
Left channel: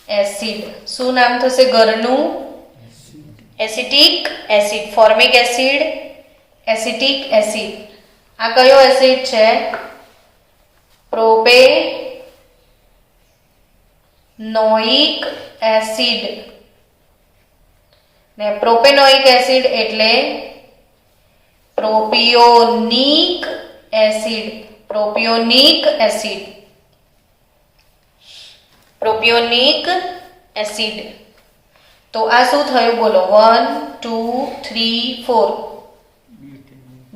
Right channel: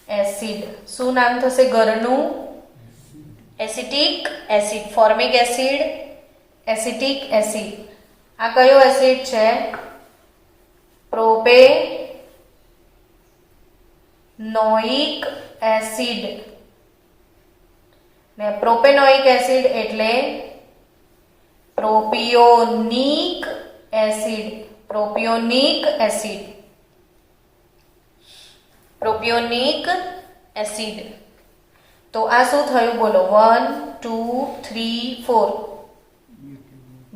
એસિડ. શું નામ થશે ઘરનું? Acetic acid. Formic acid, acetic acid. આ કયો એસિડ છે? નોઇક એસિડ ને પ્રોપેનોઇક એસિડ એટલે પ્રોપિયોનિક એસિડ. પ્રોપિયોનિક એસિડ. પ્રોપિયોનિક એસિડ. તો આ શું થયું બોલો? 1 2 3 4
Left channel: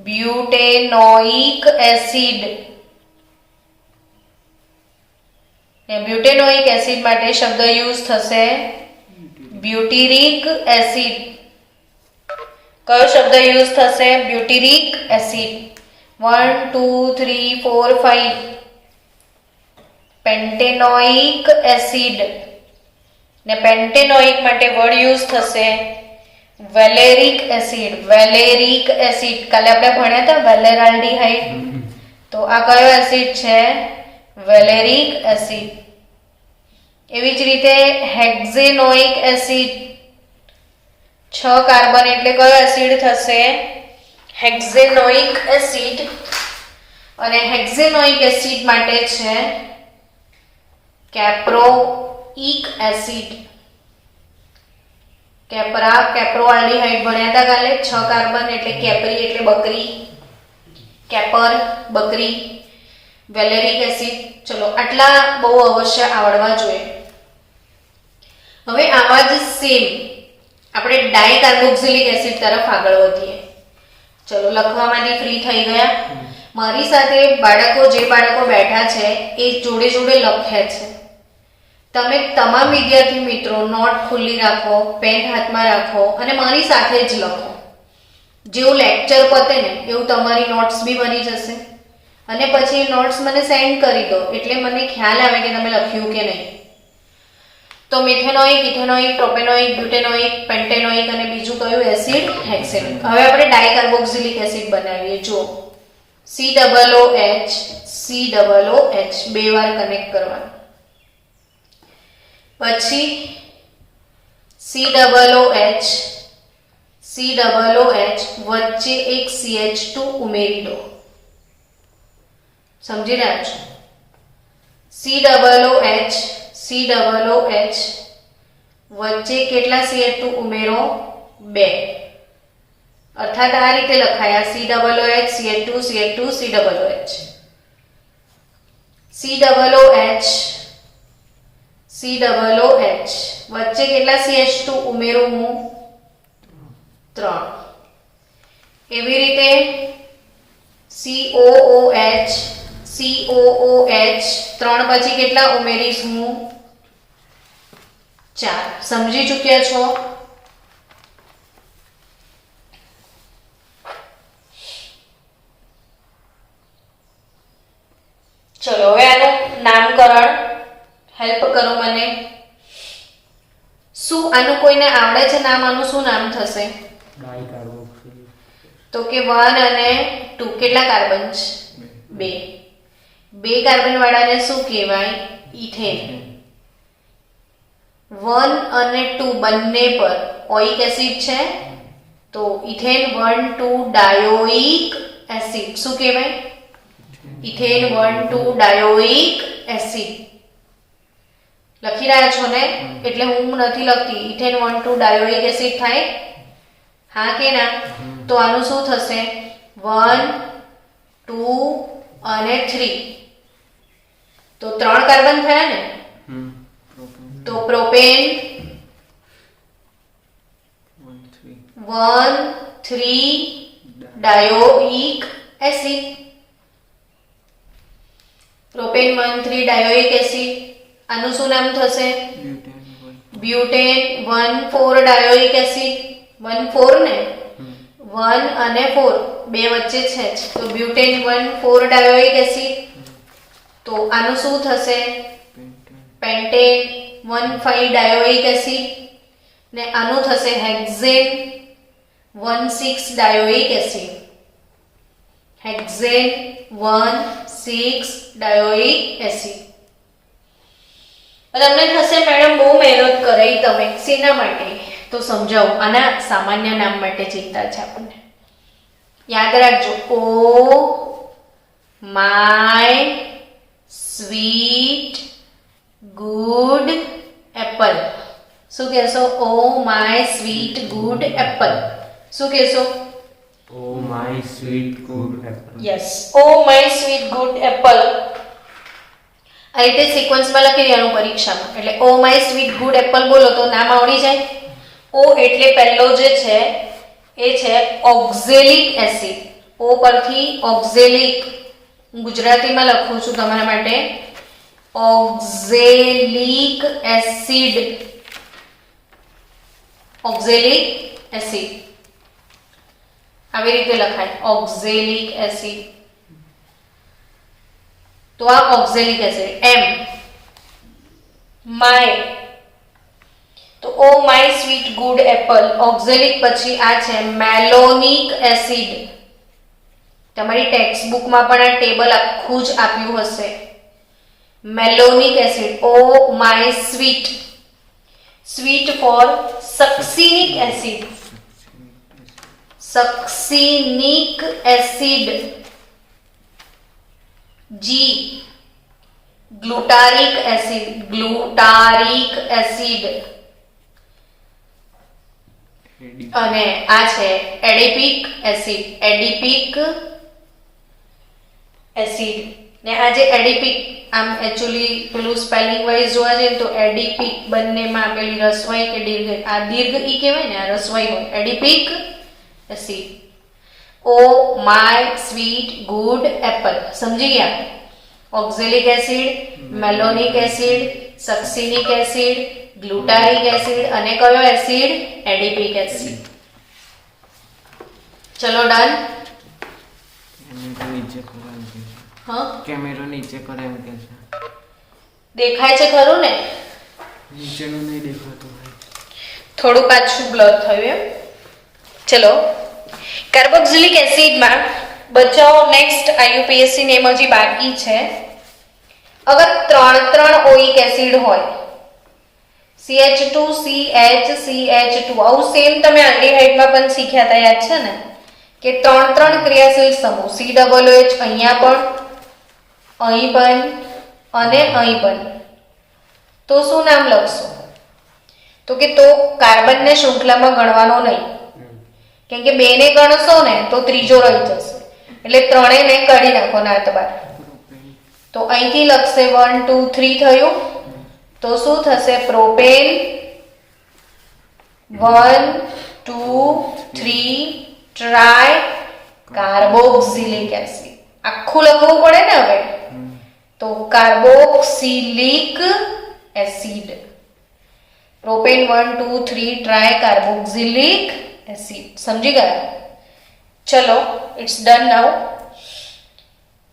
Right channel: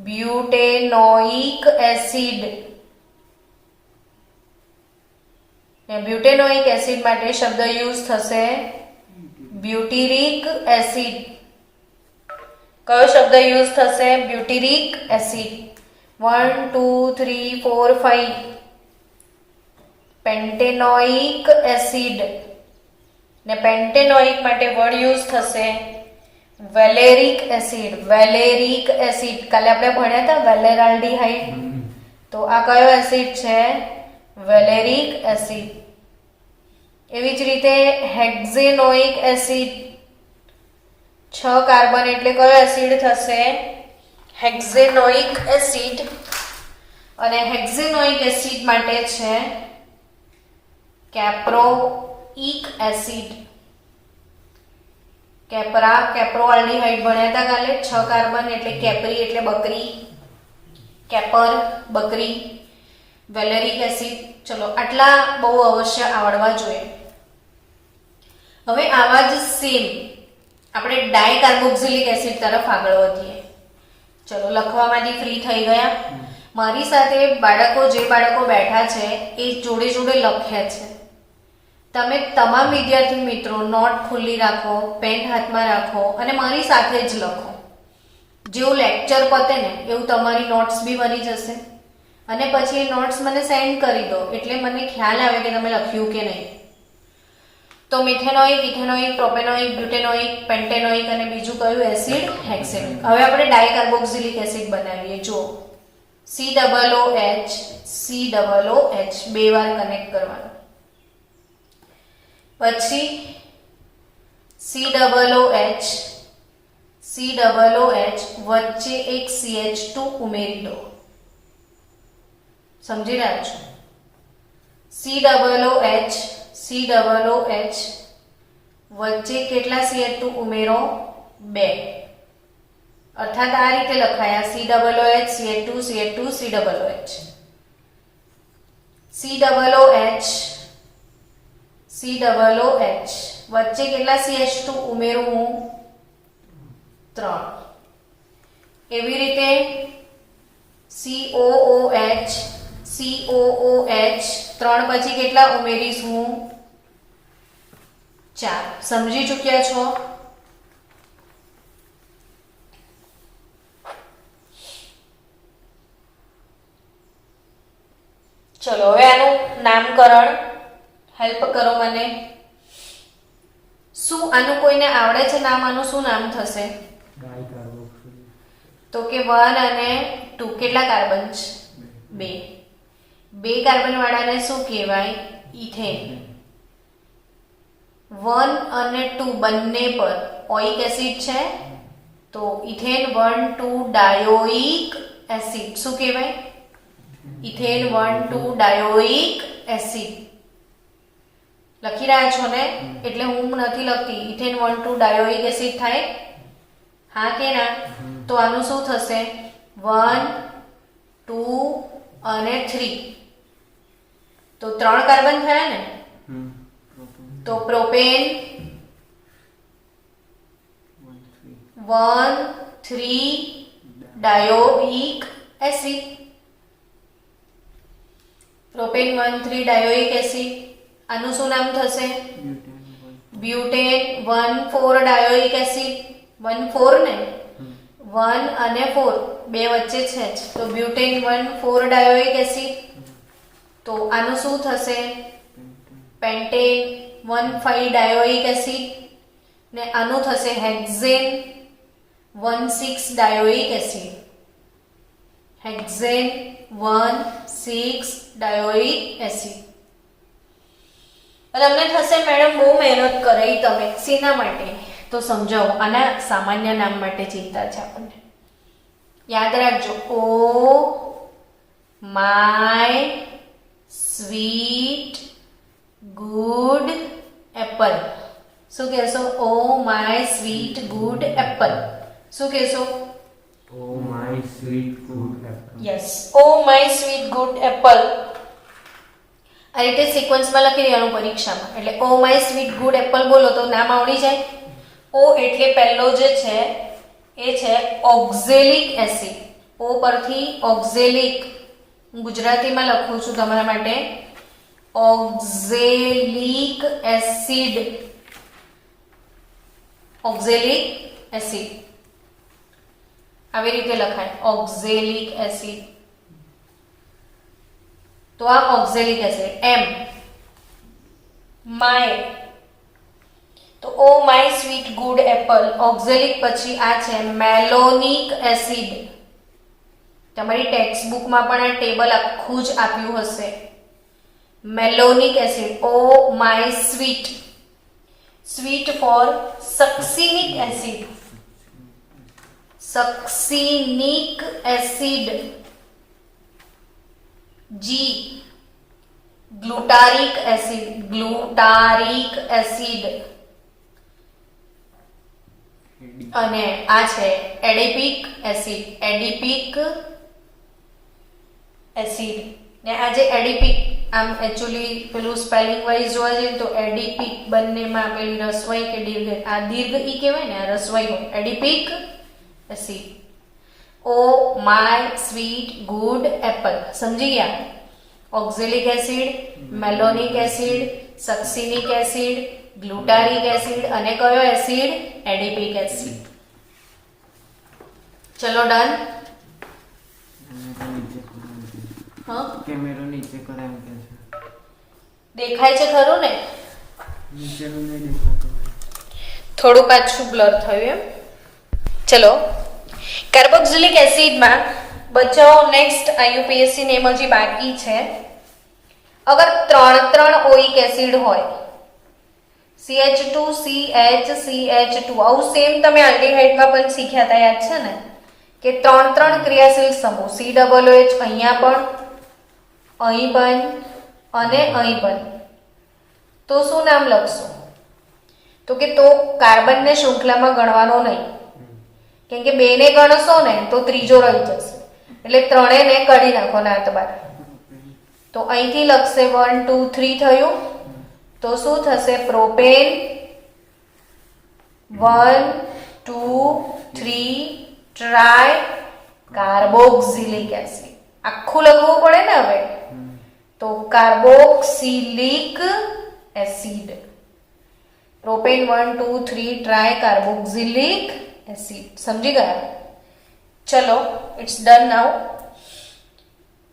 બ્યુટેનોઇક એસિડ. બ્યુટેનોઇક એસિડ માટે શબ્દ યુઝ થશે બ્યુટીરિક એસિડ. કયો શબ્દ યુઝ થશે? બ્યુટીરિક એસિડ. 1 2 3 4 5 પેન્ટેનોઇક એસિડ ને પેન્ટેનોઇક માટે વર્ડ યુઝ થશે વેલેરિક એસિડ. વેલેરિક એસિડ કાલે આપણે ભણ્યા હતા વેલેરાલ્ડીહાઇડ. તો આ કયો એસિડ છે? વેલેરિક એસિડ. એવી જ રીતે હેક્ઝેનોઇક એસિડ. 6 કાર્બન એટલે કયો એસિડ થશે? હેક્ઝેનોઇક એસિડ. અને હેક્ઝેનોઇક એસિડ માટે છે કેપ્રોઇક એસિડ. કેપ્રોઆલ્ડીહાઇડ ભણ્યા હતા કાલે. 6 કાર્બન એટલે કેપ્રી એટલે બકરી. કેપર બકરી. વેલેરિક એસિડ. ચલો આટલા બહુ અવશ્ય આવડવા જોઈએ. હવે આવા જ સેમ આપણે ડાયકાર્બોક્સિલિક એસિડ તરફ આગળ વધીએ. ચલો લખવામાંથી ફ્રી થઈ ગયા. મારી સાથે જે બાળકો બેઠા છે એ જોડે જોડે લખ્યા છે. તમે તમામ વિદ્યાર્થી મિત્રો નોટ ખુલ્લી રાખો, પેન હાથમાં રાખો અને મારી સાથે જ લખો. જેવું લેક્ચર પતે ને એવું તમારી નોટ્સ બી બની જશે અને પછી નોટ્સ મને સેન્ડ કરી દો એટલે મને ખ્યાલ આવે કે તમે લખ્યું કે નહીં. તો મિથેનોઇક, ઇથેનોઇક, પ્રોપેનોઇક, બ્યુટેનોઇક, પેન્ટેનોઇક અને બીજું કયું એસિડ? હેક્સેનોઇક. હવે આપણે ડાયકાર્બોક્સિલિક એસિડ બનાવીએ. જો COOH બે વાર કનેક્ટ કરવાનું. પછી COOH વચ્ચે એક CH2 ઉમેરી દો. સમજી રહ્યા છો? COOH વચ્ચે કેટલા CH2 ઉમેરો? 2. અર્થાત આ રીતે લખાયા COOH CH2 CH2 COOH. COOH વચ્ચે કેટલા CH2 ઉમેરું હું? 3. એવી રીતે COOH 3 પછી કેટલા ઉમેરીશ હું? 4. સમજી ચૂક્યા છો? ચલો હવે આનું નામકરણ હેલ્પ કરો મને. શું આનું કોઈને આવડે છે નામ? આનું શું નામ થશે? ડાયકાર્બોક્સિલિક. તો કે 1 અને 2 કેટલા કાર્બન છે? 2. 2 કાર્બન વાળાને શું કહેવાય? ઇથેન. 1 અને 2 બંને પર ઓઇક એસિડ છે તો ઇથેન 1 2 ડાયોઇક એસિડ. શું કહેવાય? Ethane 1 2 dioic acid. લખી રહ્યા છો ને? એટલે હું નથી લખતી. ઇથેન 1 2 ડાયોઇક એસિડ થાય? હા કે ના? તો આનું શું થશે? 1 2 અને 3. તો 3 કાર્બન થયા ને? તો propane 1 3 dioic acid. Propane 1 3 dioic acid. આનું શું નામ થશે? Butane 1 4 ડાયોઇક acid. 1 4 ને? 1 અને 4 બે વચ્ચે છે જ. તો બ્યુટેન 1 4 ડાયોઇક એસિડ. તો આનું શું થશે? Pentane 1 5 dioic acid. ને આનું થશે hexane 1 6 dioic acid. Hexane 1 6 dioic acid. તમને થશે મેડમ બહુ મહેનત કરાઈ તમે શેના માટે? તો સમજાવું. આના સામાન્ય નામ માટે ચિંતા છે આપણને. યાદ રાખજો. ઓ માય સ્વીટ ગુડ એપલ. શું કહેશો? ઓ માય સ્વીટ ગુડ એપલ. શું કહેશો? Oh my sweet good apple. Yes, O my sweet good Apple. આ રીતે સિક્વન્સમાં લખી દેવાનું પરીક્ષામાં. એટલે ઓ માય સ્વીટ ગુડ એપલ બોલો તો નામ આવડી જાય. ઓ એટલે પહેલો જે છે એ છે ઓક્ઝેલિક એસિડ. ઓ પરથી ઓક્ઝેલિક, ગુજરાતીમાં લખું છું તમારા માટે, ઓક્ઝેલિક એસિડ. ઓક્ઝેલિક એસિડ આવી રીતે લખાય, ઓક્ઝેલિક એસિડ. તો આ ઓક્ઝેલિક એસિડ. એમ માય, તો ઓ my sweet good Apple. Oxalic પછી આ છે મેલોનિક એસિડ. તમારી ટેક્સ્ટ બુકમાં પણ આ ટેબલ આખું જ આપ્યું હશે. Malonic acid. Oh my sweet, sweet for succinic acid. Succinic acid. G glutaric acid. Glutaric acid. અને આ છે એડિપિક એસિડ. Adipic acid. ને આ જે એડિપિક, આમ એક્ચ્યુઅલી પેલું સ્પેલિંગ વાઇઝ જોવા જઈએ તો એડિપિક બંનેમાં પેલી રસવાઈ કે દીર્ઘ, આ દીર્ઘ ઈ કહેવાય ને, આ રસવાઈ હોય. Adipic acid. Oh my sweet good apple. સમજી ગયા? Oxalic acid, malonic acid, succinic acid, glutaric acid અને કયો એસિડ? Adipic acid. ચલો ડન. કેમેરો નીચે કરો એમ કે છે. દેખાય છે ખરું ને? નીચેનું નહીં દેખાતું. થોડું પાછું બ્લર થયું એમ. ચલો, કાર્બોક્સિલિક એસિડમાં બચાવો. નેક્સ્ટ આઈયુપીએસસી ને એમ હજી બાકી છે. અગર 3 ઓઇક એસિડ હોય, CH2 CH CH2, આવું સેમ તમે આલ્ડીહાઇડમાં પણ શીખ્યા હતા, યાદ છે ને? કે 3 ક્રિયાશીલ સમૂહ, COOH અહીંયા પણ, અહીં પણ અને અહીં પણ. તો શું નામ લખશો? તો કે તો કાર્બનને શૃંખલામાં ગણવાનો નહીં, કેમ કે 2 ને ગણશો ને તો ત્રીજો રહી જશે. એટલે 3 ને કાઢી નાખો નાત બાર. તો અહીંથી લખશે 1 2 3 થયું. તો શું થશે? Propane 1 2 3 try carboxylic acid. આખું લખવું પડે ને હવે. તો carboxylic acid. Propane 1 2 3 try carboxylic acid. સમજી ગયા? ચલો, ઇટ્સ ડન નાઉ.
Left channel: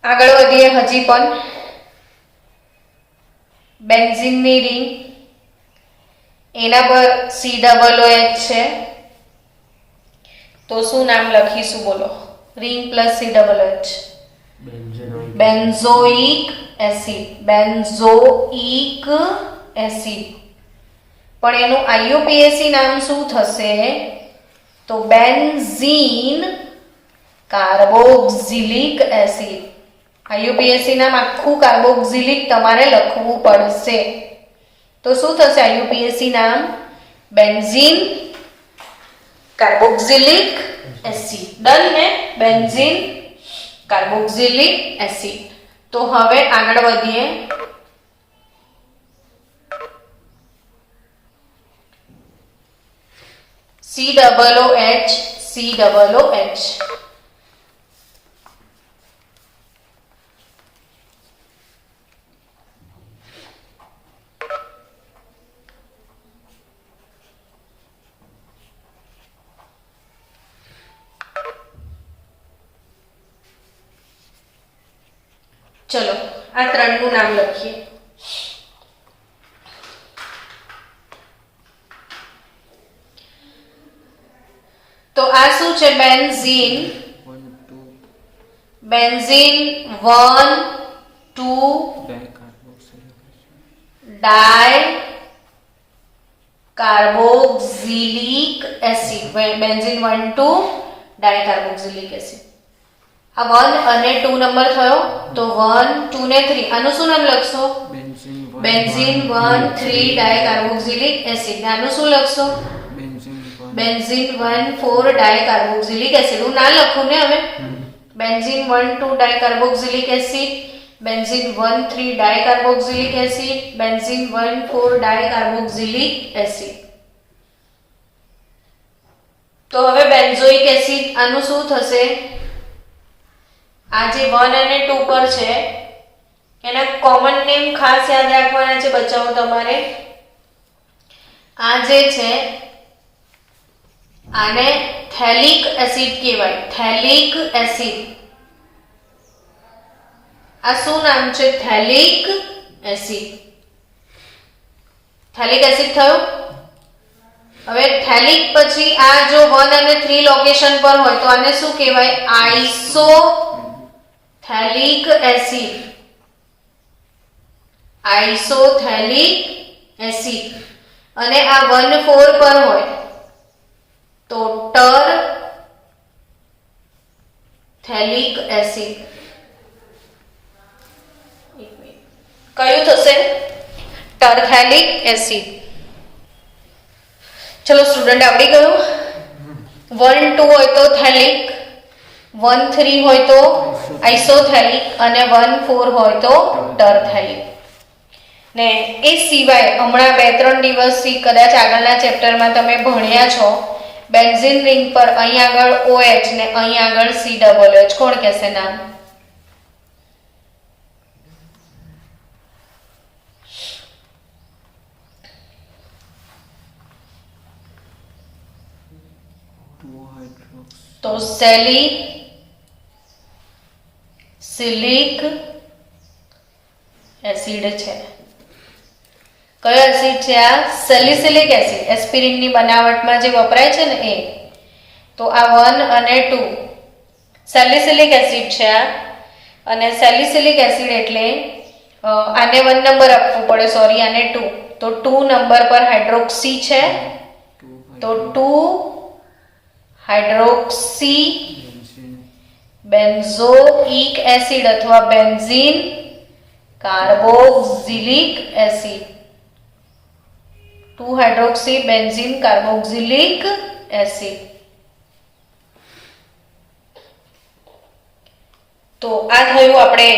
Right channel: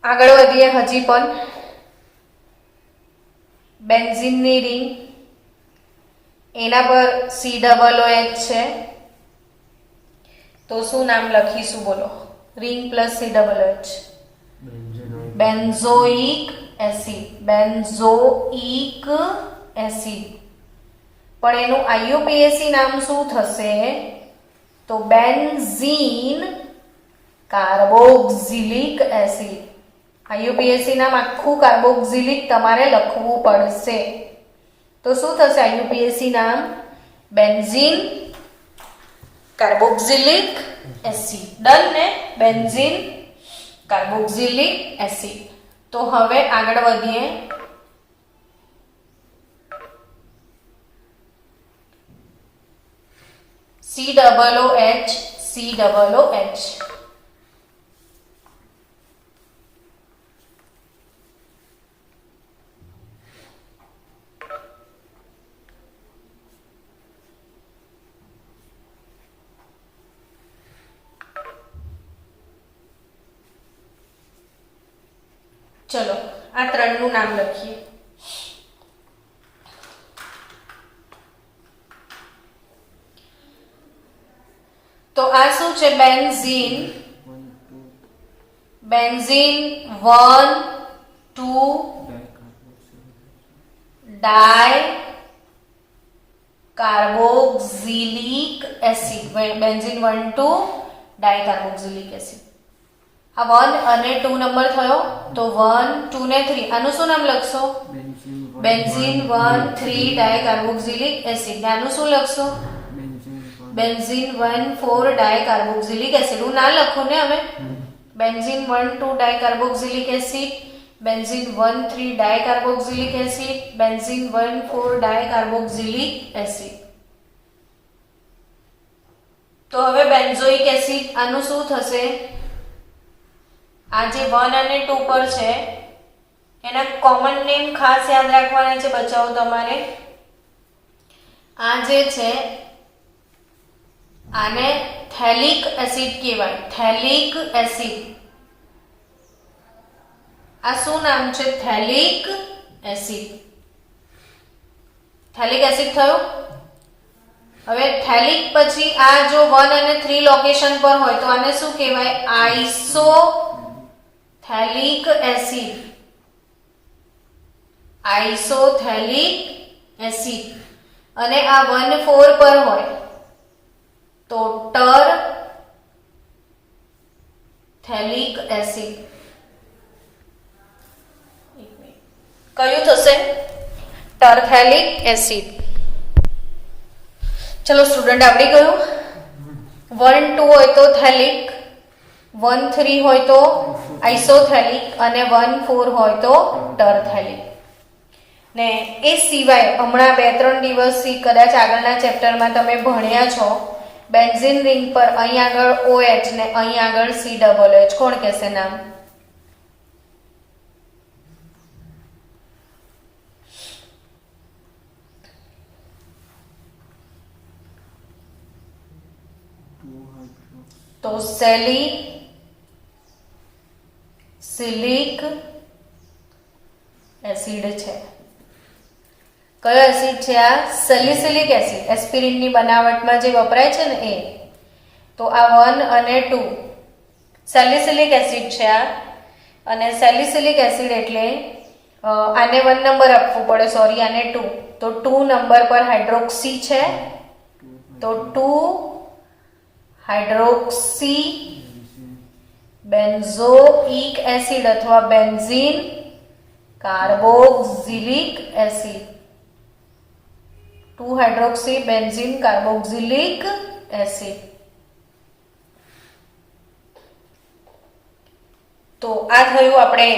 આગળ વધીએ. હજી પણ બેન્ઝીનની રિંગ, એના પર COOH છે. તો શું નામ લખીશું બોલો? Ring plus COOH. Benzoic acid. Benzoic acid. પણ એનું આઈયુપીએસસી નામ શું થશે? તો બેન્ઝીન કાર્બોક્સિલિક એસિડ. આઈયુપીએસસી નામ આખું કાર્બોક્સિલિક તમારે લખવું પડશે. તો શું થશે આઈયુપીએસસી નામ? Benzene carboxylic acid. ડન ને? Benzene carboxylic acid. તો હવે આગળ વધીએ. COOH. ચલો, આ 3નું નામ લખીએ. તો આ શું છે? બેન્ઝીન. બેન્ઝીન 1 2 ડાય કાર્બોક્સિલિક એસિડ. બેન્ઝીન 1 2 ડાય કાર્બોક્સિલિક એસિડ. આ 1 અને 2 નંબર થયો. તો 1 2 ને 3, આનું શું નામ લખશો? Benzene benzene 1,3 dicarboxylic acid. આનું શું લખશો? Benzene 1,4 dicarboxylic acid. હું ના લખું ને હવે. Benzene 1,2 dicarboxylic acid, benzene 1,3 dicarboxylic acid, benzene 1,4 dicarboxylic acid. તો હવે બેન્ઝોઇક એસિડ આનું શું થશે? આ જે 1 અને 2 પર છે એના કોમન નેમ ખાસ યાદ રાખવાના છે બચ્ચાઓ તમારે. આ જે છે આને થેલિક એસિડ કહેવાય. થેલિક એસિડ. આ શું નામ છે? થેલિક એસિડ. થેલિક એસિડ થયું. હવે થેલિક પછી આ જો 1 અને 3 લોકેશન પર હોય તો આને શું કહેવાય? આઇસોથેલિક એસિડ. આઇસોથેલિક એસિડ. અને આ 1, 4 પર હોય તો ટરથેલિક એસિડ. કયું થશે? ટરથેલિક એસિડ. ચલો સ્ટુડન્ટ, આવડી ગયું? 1, 2 હોય તો થેલિક, 1, 3 હોય તો આઇસોથેલિક અને 1, 4 હોય તો ટરથેલિક. ને એ સિવાય હમણાં 2-3 દિવસથી કદાચ આગળના ચેપ્ટરમાં તમે ભણ્યા છો બેન્ઝીન રિંગ પર અહીં આગળ OH ને અહીં આગળ COOH. કોણ કહેશે નામ? તો સેલિસિલિક એસિડ છે. કયો એસિડ છે આ? Salicylic acid. એસ્પિરિનની બનાવટમાં જે વપરાય છે ને એ. તો આ 1 અને 2 સેલિસિલિક એસિડ છે આ. અને સેલિસિલિક એસિડ એટલે આને 1 નંબર આપવું પડે, સોરી આને 2. તો 2 નંબર પર હાઇડ્રોક્સી છે. તો 2 હાઇડ્રોક્સી બેન્ઝોઇક એસિડ અથવા benzene carboxylic acid. 2 hydroxy benzene carboxylic acid. તો આ થયું આપણે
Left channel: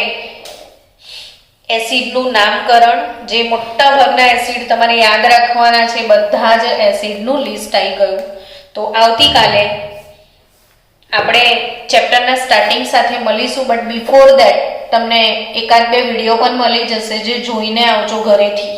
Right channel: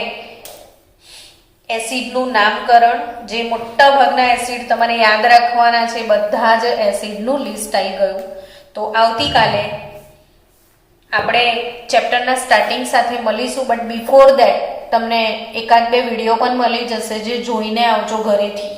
એસિડનું નામકરણ. જે મોટા ભાગના એસિડ તમારે યાદ રાખવાના છે, બધા જ એસિડનું લિસ્ટ આવી ગયું. તો આવતીકાલે આપણે ચેપ્ટરના સ્ટાર્ટિંગ સાથે મળીશું. બટ બિફોર ધેટ તમને 1-2 વિડીયો પણ મળી જશે જે જોઈને આવજો ઘરેથી.